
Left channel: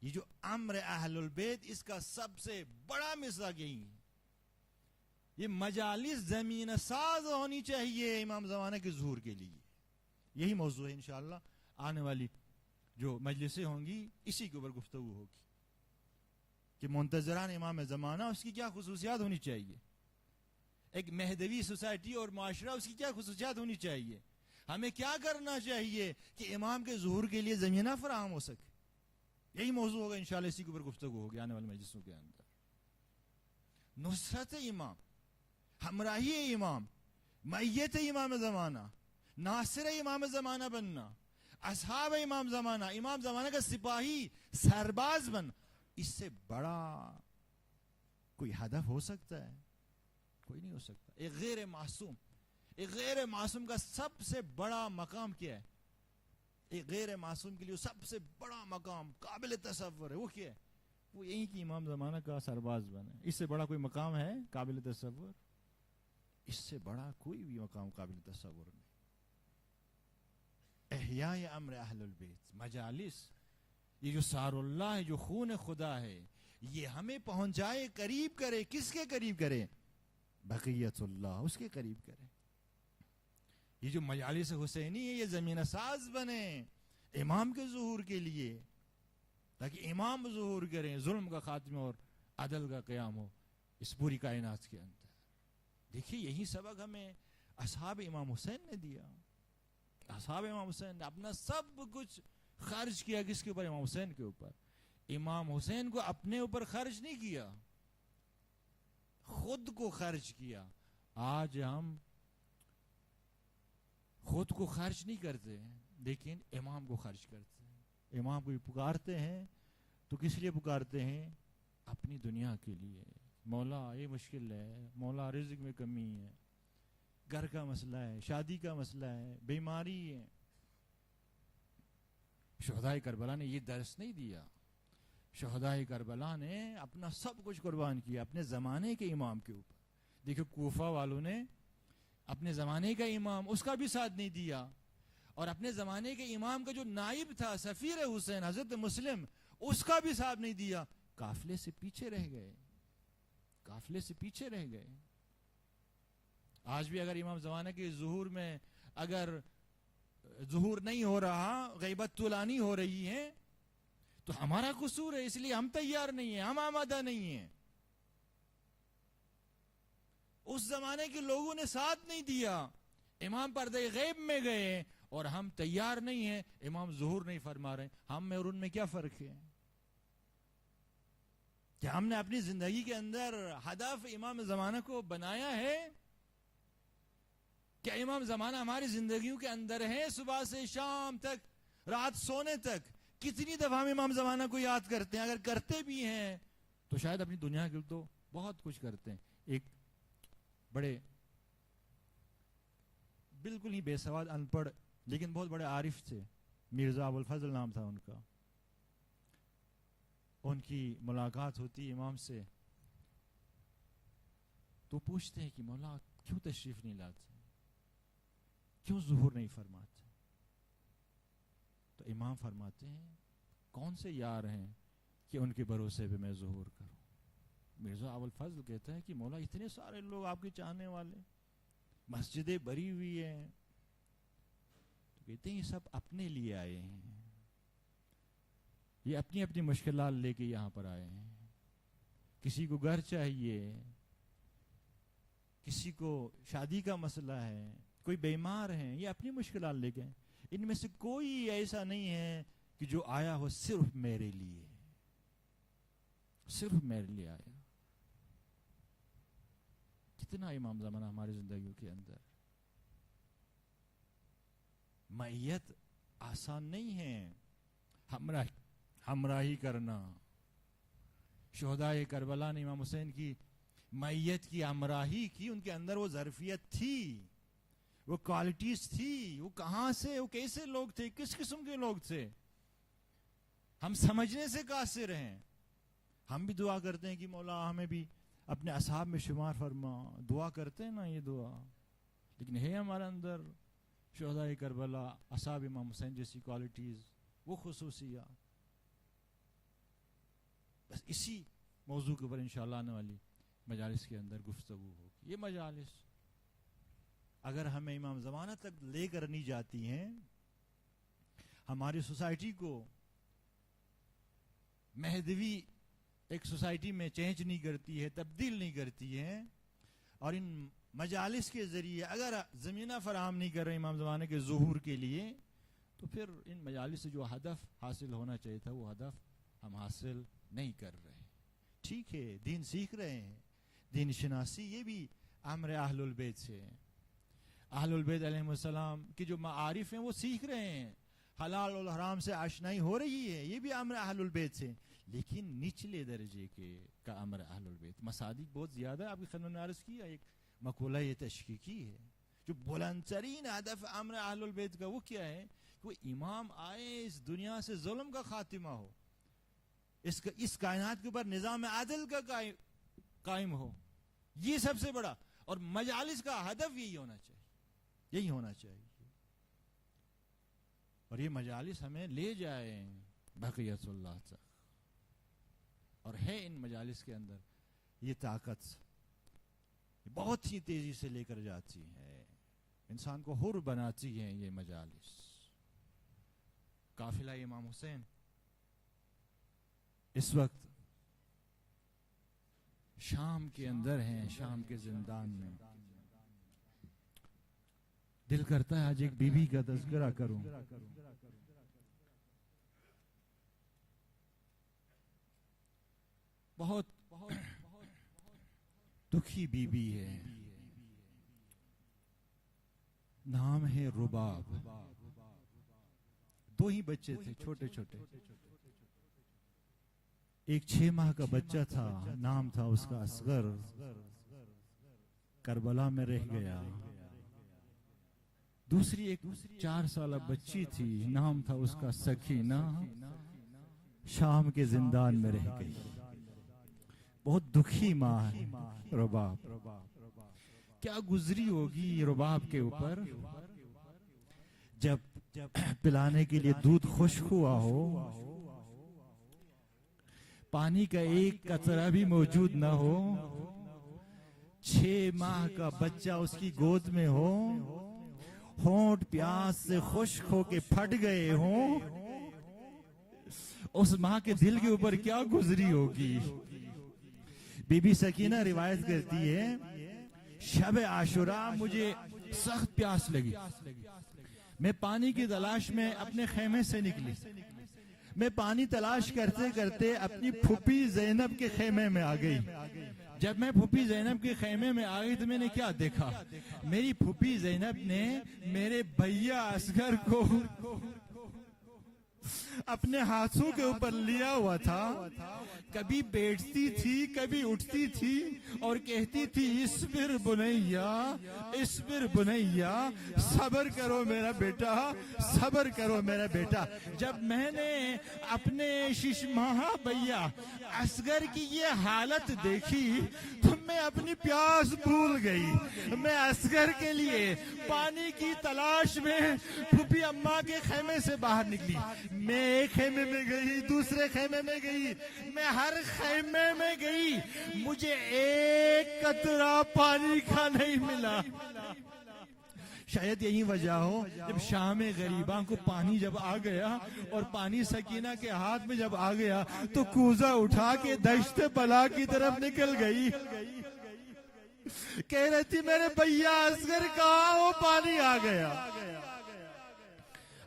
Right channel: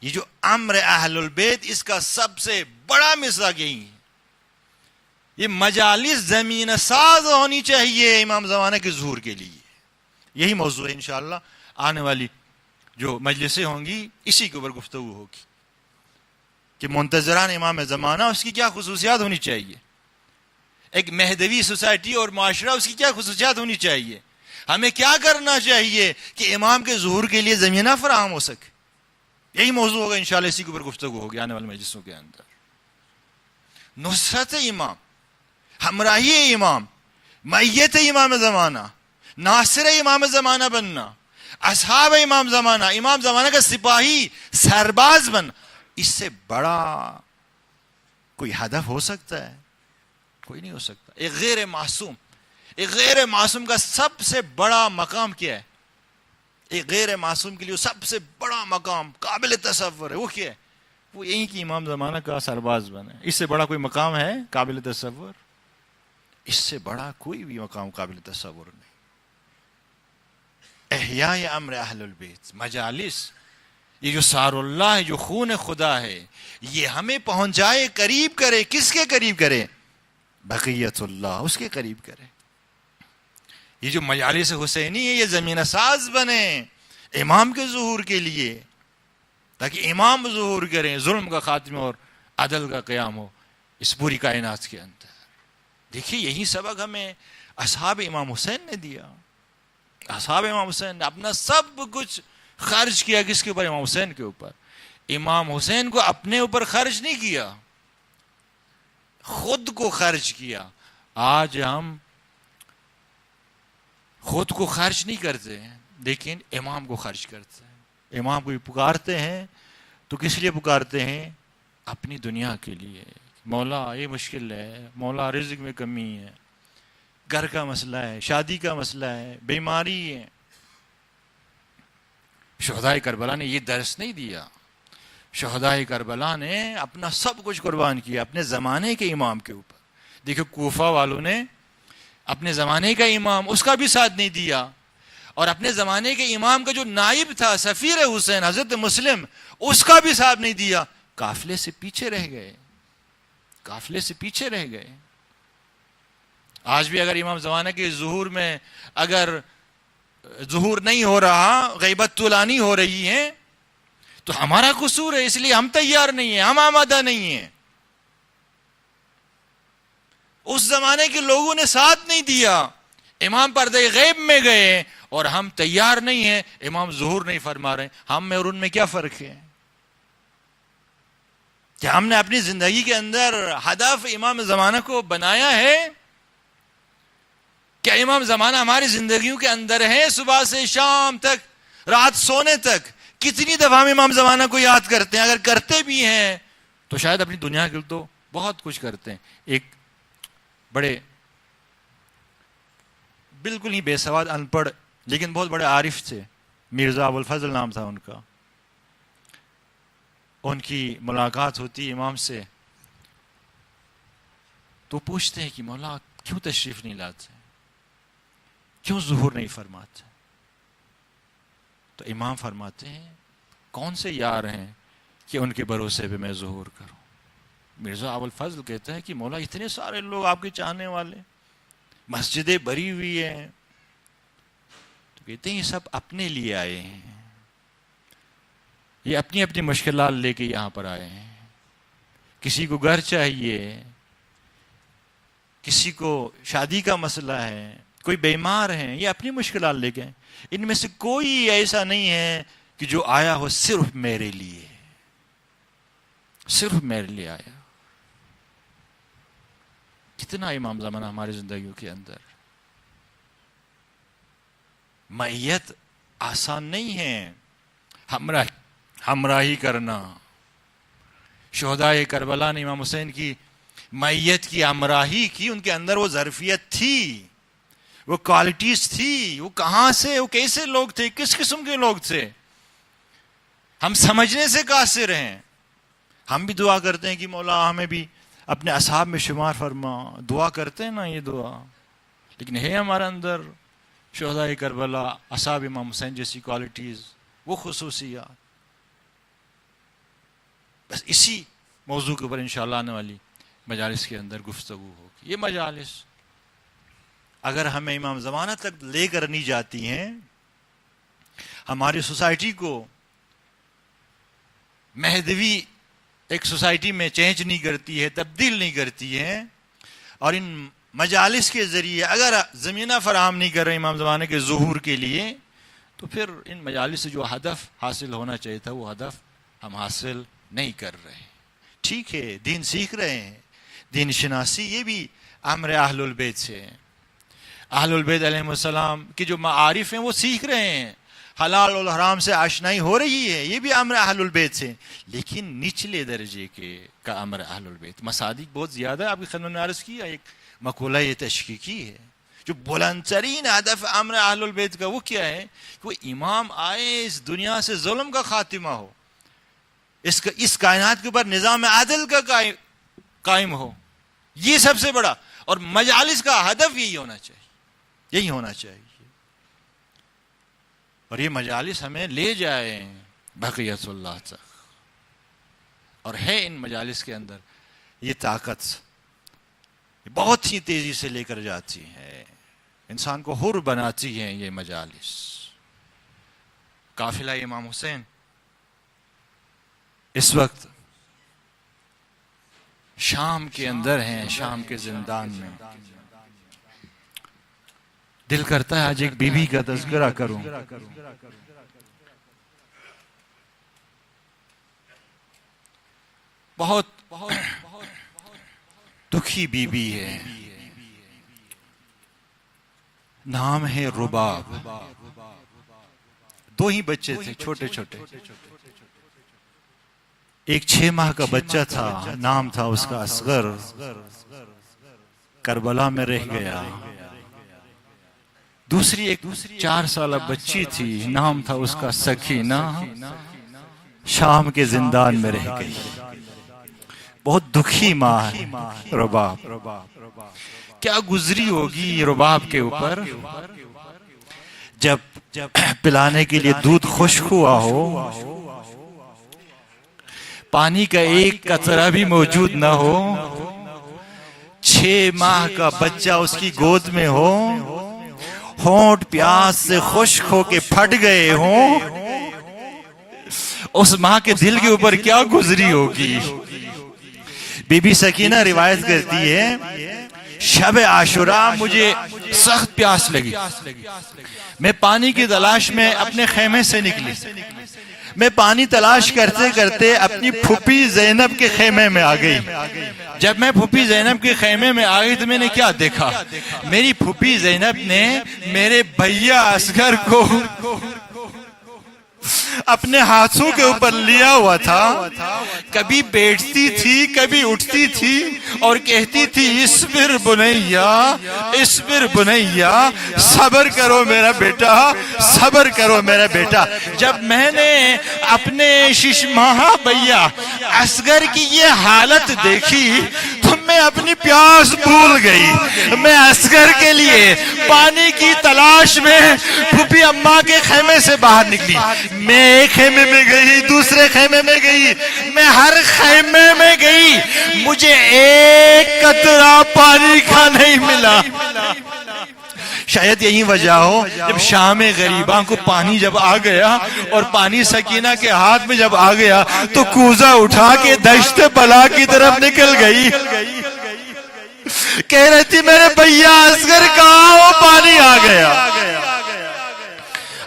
یہ جو امر اہل البیت, اس کا سب سے بڑا مصداق یہی ہے. یہ مجالس زمین ساز ہونی چاہیے امام زمانہ کے ظہور کے لیے. یہی موضوع ہے انشاءاللہ آنے والی جو مجلسیں ہوں گی اسی کے اوپر گفتگو ہوگی کہ منتظران امام زمانہ اس کی کیا خصوصیات ہونی چاہیے, ایک مہدوی سوسائٹی اور معاشرہ اس کی کیا خصوصیات ہونی چاہیے, ہمیں کیا کرنا چاہیے کہ امام کے ظہور کے لیے زمینہ فراہم ہو سکے. یہی موضوع ہوگا انشاءاللہ, اسی کے اوپر گفتگو ہوگی آنے والے مجلسوں کے اندر. نصرت امام, ہمراہی امام, معیت امام زمانہ, ناصر امام زمانہ بننا, اصحاب امام زمانہ کا سپاہی سرباز بننا, اس سے بڑا کوئی ہدف ہو سکتا ہے؟ کوئی نہیں ہو سکتا. ایک غیر معصوم کا سب سے بڑا مقام کیا ہے؟ ایک غیر معصوم کے لیے سب سے بڑا مقام قابل تصور ہے, وہ کیا ہے؟ وہ یہی کہ امام زمانہ کا سرباز بنے. اس سے بڑا کوئی مقام ہے قابل تصور؟ اس سے بڑا کوئی بھی مقام قابل تصور نہیں. احیاء امر اہل البیت, مجالس, یہ جو سار اللہ ہے, جو خون خدا ہے, یہ ہمیں پہنچائے, قریب کرے. کس کے قریب کرے؟ بقیت اللہ, اس کے قریب کرے. یہ جو مجالس حسینی ہے یہ زمین ساز بنے امام کے ظہور کے لیے, تاکہ امام ظہور کریں, ظلم کا خاتمہ اور عدل کا قیام ہو اس پوری کائنات کے اندر. دیکھیے یہی سبق ہمیں اصحاب امام حسین نے دیا. اصحاب امام حسین نے اپنا سب کچھ خرچ کیا. کس کے اوپر؟ امام حسین کے اوپر. امام حسین کو اپنے اوپر خرچ نہیں کیا, خود کو خرچ کیا. آج ہم خود کو خرچ نہیں کرتے لیکن امام کو خرچ کرتے ہیں. امام کو پکارتے ہیں تو کس لیے پکارتے ہیں؟ اپنی دنیا کے لیے. مولا یہ مشکل ہے, مولا رزق میں کمی ہے, گھر کا مسئلہ ہے, شادی کا مسئلہ ہے, بیماری ہے. شہدائے کربلا نے یہ درس نہیں دیا. شہدائے کربلا نے اپنا سب کچھ قربان کیا اپنے زمانے کے امام کے اوپر. دیکھو کوفہ والوں نے اپنے زمانے کا امام, اس کا بھی ساتھ نہیں دیا, اور اپنے زمانے کے امام کا جو نائب تھا سفیر حسین حضرت مسلم, اس کا بھی ساتھ نہیں دیا. قافلے سے پیچھے رہ گئے, قافلے سے پیچھے رہ گئے. آج بھی اگر امام زمانہ کے ظہور میں اگر ظہور نہیں ہو رہا, غیبت طولانی ہو رہی ہے, تو ہمارا قصور ہے, اس لیے ہم تیار نہیں ہیں, ہم آمادہ نہیں ہیں. اس زمانے کے لوگوں نے ساتھ نہیں دیا, امام پردہ غیب میں گئے, اور ہم تیار نہیں ہیں, امام ظہور نہیں فرما رہے. ہم میں اور ان میں کیا فرق ہے؟ کیا ہم نے اپنی زندگی کے اندر ہدف امام زمانہ کو بنایا ہے؟ کیا امام زمانہ ہماری زندگیوں کے اندر ہے؟ صبح سے شام تک, رات سونے تک کتنی دفعہ ہم امام زمانہ کو یاد کرتے ہیں؟ اگر کرتے بھی ہیں تو شاید اپنی دنیا کے لیے تو بہت کچھ کرتے ہیں. ایک بڑے بالکل ہی بے سواد ان پڑھ لیکن بہت بڑے عارف تھے, مرزا ابوالفضل نام تھا ان کا. ان کی ملاقات ہوتی امام سے تو پوچھتے ہیں کہ مولا کیوں تشریف نہیں لاتے, کیوں ظہور نہیں فرماتے؟ تو امام فرماتے ہیں کون سے یار ہیں کہ ان کے بھروسے پہ میں ظہور کروں. مرزا ابوالفضل کہتا ہے کہ مولا اتنے سارے لوگ آپ کے چاہنے والے, مسجدیں بھری ہوئی ہیں. تو کہتے ہیں یہ سب اپنے لیے آئے ہیں, یہ اپنی اپنی مشکلات لے کے یہاں پر آئے ہیں. کسی کو گھر چاہیے, کسی کو شادی کا مسئلہ ہے, کوئی بیمار ہیں, یہ اپنی مشکلات لے گئے. ان میں سے کوئی ایسا نہیں ہے کہ جو آیا ہو صرف میرے لیے, صرف میرے لیے آیا. کتنا امام زمانہ ہماری زندگیوں کے اندر. معیت آسان نہیں ہے, ہمراہی کرنا. شہدائے کربلا نے امام حسین کی معیت کی, ہمراہی کی. ان کے اندر وہ ظرفیت تھی, وہ کوالٹیز تھی. وہ کہاں سے, وہ کیسے لوگ تھے, کس قسم کے لوگ تھے, ہم سمجھنے سے قاصر ہیں. ہم بھی دعا کرتے ہیں کہ مولا ہمیں بھی اپنے اصحاب میں شمار فرما, دعا کرتے ہیں نا یہ دعا, لیکن ہے ہمارے اندر شہدائے کربلا, اصحاب امام حسین جیسی کوالٹیز, وہ خصوصیات. بس اسی موضوع کے اوپر انشاءاللہ آنے والی مجالس کے اندر گفتگو ہوگی. یہ مجالس اگر ہمیں امام زمانہ تک لے کر نہیں جاتی ہیں, ہماری سوسائٹی کو مہدوی ایک سوسائٹی میں چینج نہیں کرتی ہے, تبدیل نہیں کرتی ہے, اور ان مجالس کے ذریعے اگر زمینہ فراہم نہیں کر رہے امام زمانے کے ظہور کے لیے, تو پھر ان مجالس سے جو ہدف حاصل ہونا چاہیے تھا وہ ہدف ہم حاصل نہیں کر رہے. ٹھیک ہے, دین سیکھ رہے ہیں, دین شناسی یہ بھی امر اہل البیت سے ہے. اہل البیت علیہ السلام کے جو معارف ہیں وہ سیکھ رہے ہیں, حلال اور حرام سے آشنائی ہو رہی ہے, یہ بھی امر اہل البیت سے. لیکن نچلے درجے کا امر اہل البیت, مصادیق بہت زیادہ ہے. آپ کی خدمت میں عرض کیا ایک مقولہ یہ تشکیکی ہے, جو بلند ترین ہدف امر اہل البیت کا وہ کیا ہے کہ وہ امام آئے, اس دنیا سے ظلم کا خاتمہ ہو, اس کائنات کے اوپر نظام عادل کا قائم ہو. یہ سب سے بڑا, اور مجالس کا ہدف یہی ہونا چاہیے, یہی ہونا چاہیے. اور یہ مجالس ہمیں لے جائیں بقیت اللہ تک, اور ہے ان مجالس کے اندر یہ طاقت, بہت ہی تیزی سے لے کر جاتی ہے, انسان کو حر بناتی ہیں یہ مجالس. قافلہ امام حسین اس وقت شام کے اندر ہیں, شام کے زندان میں. دل کرتا ہے آج ایک بیوی کا تذکرہ کروں. بہت دکھی بیوی ہے. نام ہے رباب. 2 ہی بچے تھے چھوٹے چھوٹے. ایک 6 ماہ کا بچہ تھا، نام تھا اس کا اصغر. کربلا میں رہ گیا. دوسری ایک 4 سالہ بچی تھی، نام تھا اس کا سکینہ، شام کے زندان میں رہ گئی. بہت دکھی ماں ہے رباب. کیا گزری ہوگی رباب کے اوپر جب پلانے کے لیے دودھ خشک ہوا ہو، پانی کا ایک قطرہ بھی موجود نہ ہو، 6 ماہ کا بچہ اس کی گود میں ہو، ہونٹ پیاس سے خشک ہو کے پھٹ گئے ہوں. اس ماں کے دل کے اوپر کیا گزری ہوگی. بی بی سکینہ روایت کرتی ہے، شب عاشوراء مجھے سخت پیاس لگی. میں پانی کی تلاش میں اپنے خیمے سے نکلی. میں پانی تلاش کرتے کرتے اپنی پھوپھی زینب کے خیمے میں آ گئی. جب میں پھوپھی زینب کے خیمے میں آ گئی تو میں نے کیا دیکھا؟ میری پھوپھی زینب نے میرے بھیا اصغر کو اپنے ہاتھوں کے اوپر لیا ہوا تھا. کبھی بیٹھتی تھی، کبھی اٹھتی تھی اور کہتی تھی، اصبر بنیا، اصبر بنیا، صبر کرو میرا بیٹا، صبر کرو میرا بیٹا. جب میں نے اپنے 6 ماہ بھیا اصغر کی یہ حالت دیکھی تو میں اپنی پیاس بھول گئی. میں اصغر کے لیے پانی کی تلاش میں پھوپھی اماں کے خیمے سے باہر نکلی. میں ایک خیمے میں گئی، دوسرے خیمے میں گئی، میں ہر خیمے میں گئی، مجھے ایک قطرہ پانی کا نہیں ملا. شاید یہی وجہ ہو، جب شام غریباں کو پانی جب آ گیا اور پانی سکینہ کے ہاتھ میں جب آ گیا تو کوزہ اٹھا کے دشت بلا کی طرف نکل گئی. کہہ رہی تھی میرے بھیا اصغر کہاں، وہ پانی آ گیا.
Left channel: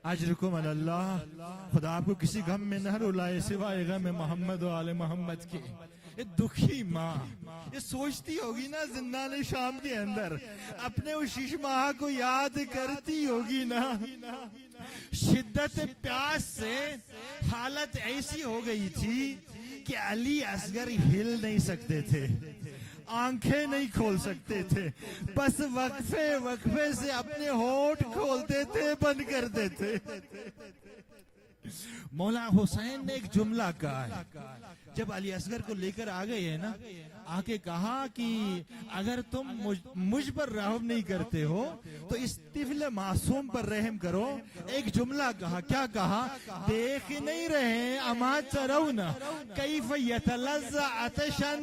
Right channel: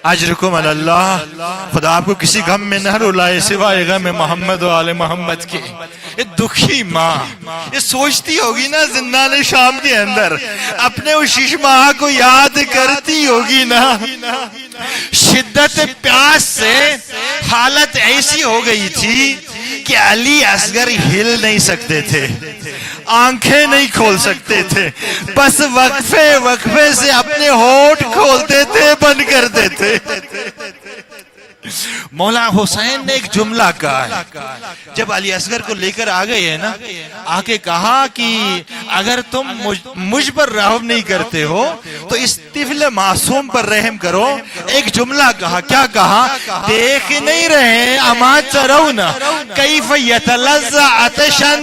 اجرکم علی اللہ. خدا آپ کو کسی غم میں نہ رلائے سوائے غم محمد و آل محمد کے. یہ دکھی ماں یہ سوچتی ہوگی نا زندان شام کے اندر، اپنے اس 6 ماہ کو یاد کرتی ہوگی نا. شدت پیاس سے حالت ایسی ہو گئی تھی کہ علی اصغر ہل نہیں سکتے تھے، آنکھیں نہیں کھول سکتے تھے. بس وقفے سے اپنے ہونٹ کھولتے تھے، بند کرتے تھے. مولا حسین نے ایک جملہ کہا ہے جب علی اصغر کو لے کر آ گئے ہیں نا، آ کے کہا کہ اگر تم مجھ پر رحم نہیں کرتے ہو تو اس طفل معصوم پر رحم کرو. ایک جملہ کہا، کیا کہا؟ دیکھ نہیں رہے اما ترون کیف یتلظى عطشا،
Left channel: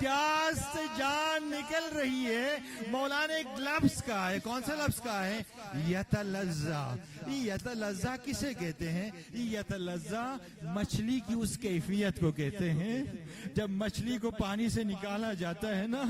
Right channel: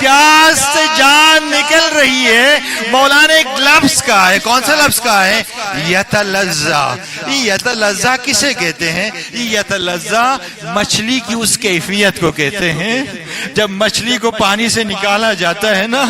پیاس سے جان نکل رہی ہے. مولا نے ایک لفظ کہا ہے. کون سا لفظ کہا ہے؟ یتلظى. یتلظى کسے کہتے ہیں؟ یتلظى مچھلی کی اس کیفیت کو کہتے ہیں. جب مچھلی کو پانی سے نکالا جاتا ہے نا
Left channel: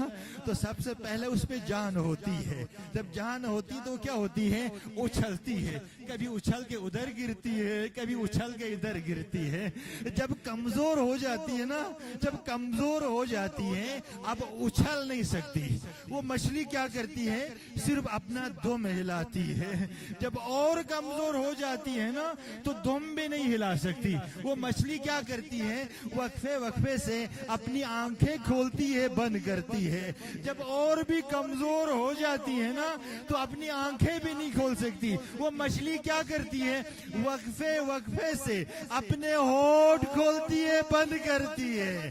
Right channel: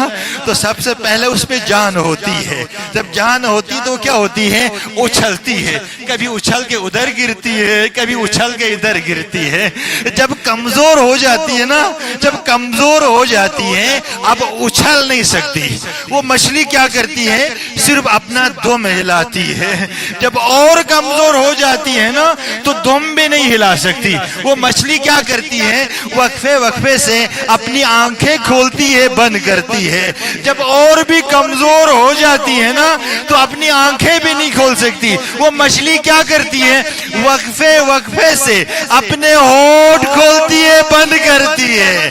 تو سب سے پہلے اس پہ جان ہوتی ہے. جب جان ہوتی تو کیا ہوتی ہے؟ اچھلتی ہے. کبھی اچھل کے ادھر گرتی ہے، کبھی اچھل کے ادھر گرتی ہے. جب کمزور ہو جاتی ہے نا، جب کمزور ہو جاتی ہے اب اچھل نہیں سکتی، وہ مچھلی کیا کرتی ہے؟ صرف اپنا دم ہلاتی ہے. جب اور کمزور ہو جاتی ہے نا تو دم بھی نہیں ہلا سکتی. وہ مچھلی کیا کرتی ہے؟ وقفے سے اپنی آنکھیں کھولتی ہے، بند کرتی ہے. جب اور بھی کمزور ہو جاتی ہے نا تو اپنی آنکھیں بھی نہیں کھول سکتی. وہ مچھلی کیا کرتی ہے؟ وقفے سے اپنے ہونٹ کھولتی ہے، بند کرتی ہے.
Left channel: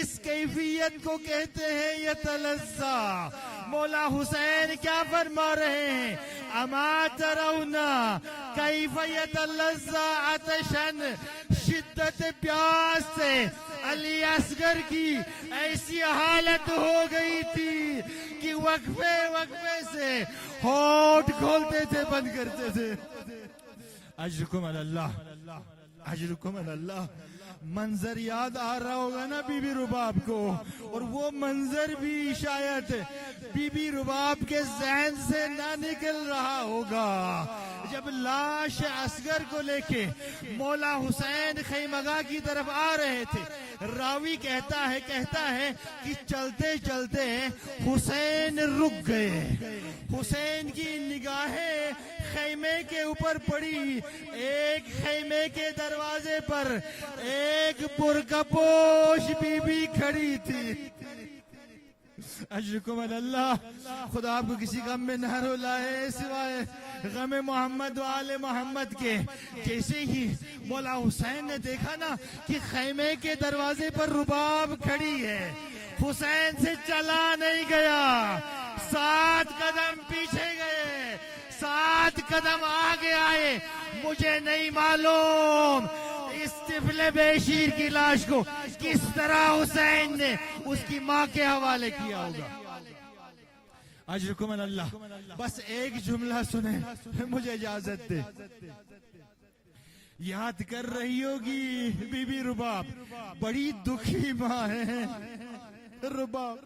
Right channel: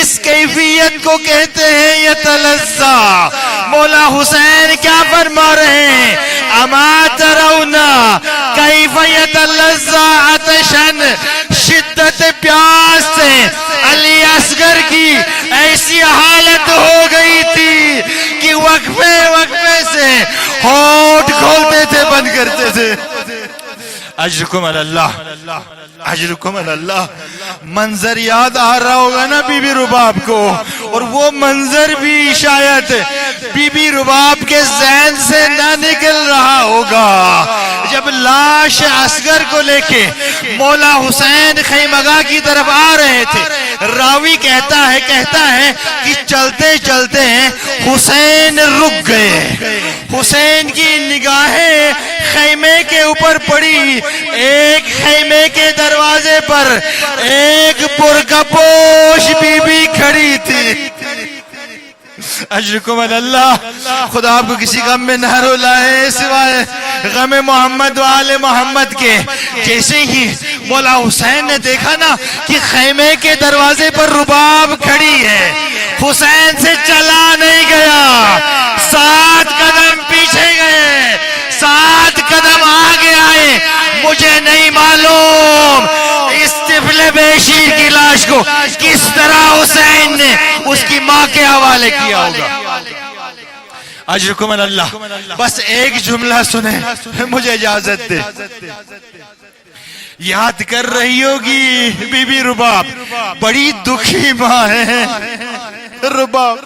اس کیفیت کو کہتے ہیں یتلظى. مولا حسین کیا فرما رہے ہیں؟ اما ترون کیف یتلظى عطشا. شدت پیاس سے علی اصغر کی ایسی حالت ہو گئی تھی کہ وقفے سے ہونٹ کھولتے تھے، بند کرتے تھے. اجرکم علی اللہ، اجرکم علی اللہ. منظر یاد آ رہا ہوگا نا بی بی رباب کو، اور وہ منظر بھی شاید بی بی رباب کے ذہن سے نہ نکل رہا ہوگا جب لاش اصغر کو لے کے مولا حسین خیمگاہ کی طرف آ رہے تھے. راوی کہتا ہے کہ چلتے چلتے حسین رک گئے. حسین کی نگاہیں خیمے کے اوپر پڑی. ایک خیمے کے دروازے پر ایک برقعپوش بی بی کھڑی تھی. اجرکم اللہ. خدا آپ کو کسی غم میں نہ رلائے سوائے غم محمد و آل محمد کے. جیسے ہی مولا حسین نے دیکھا نا کہ خیمے کے دروازے پر رباب کھڑی ہے, حسین سے چلا نہیں گیا, 7 قدم پیچھے گئے, 7 قدم آگے آئے. مجھے نہیں معلوم اس طفل بیشیر کی لاش کو کس طرح حسین نے اس کی ماں کے حوالے کیا ہوگا. اجرکم اللہ. بس ایک جملہ سنیں, مجھے اجازت دے. یاد کر رہی ہوگی بی بی رباب, بڑی دکھی ماں ہے رباب.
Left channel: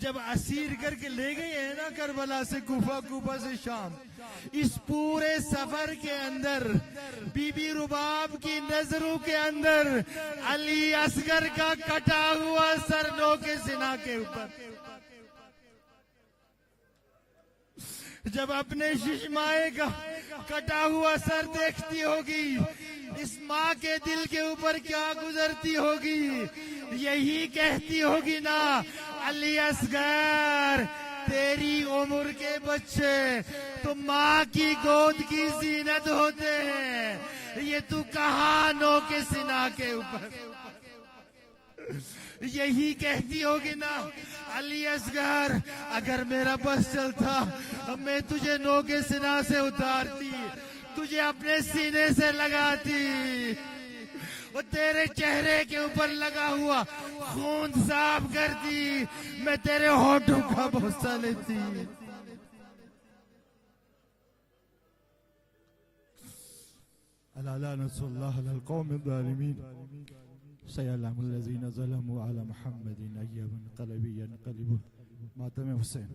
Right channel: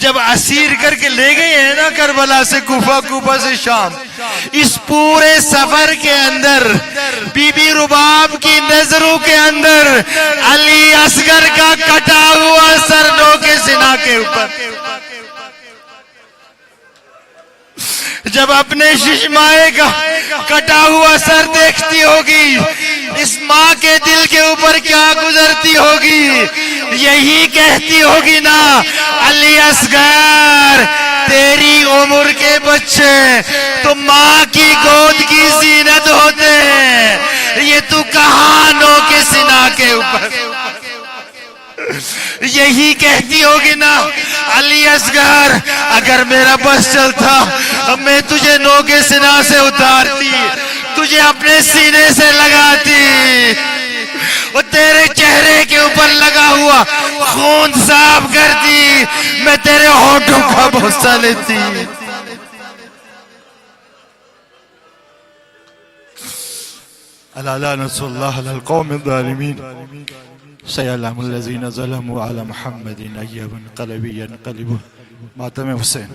جب اسیر کر کے لے گئے ہیں نا کربلا سے کوفہ, کوفہ سے شام, اس پورے سفر کے اندر بی بی رباب کی نظروں کے اندر علی اصغر کا کٹا ہوا سر ڈوکے سینہ کے اوپر. جب اپنے ششمائے کا کٹا ہوا سر دیکھتی ہوگی, اس ماں کے دل کے اوپر کیا گزرتی ہوگی. یہی کہتی ہوگی نا, علی اصغر تیری عمر کے بچے تو ماں کی گود کی زینت ہوتے ہیں, یہ تو کہاں نو کے سینہ کے اوپر. یہی کہتی ہوگی نا, علی اصغر اگر میرا بس چلتا میں تجھے نو کے سینہ سے اتارتی, تجھے اپنے سینے سے لگاتی, وہ تیرے چہرے کے اوپر لگا ہوا خون صاف کرتی, میں تیرے ہونٹوں کا بوسہ لیتی. الا لعنۃ اللہ علی القوم الظالمین. سيعلم الذين ظلموا على محمد أي منقلب ينقلبون. ماتم حسین.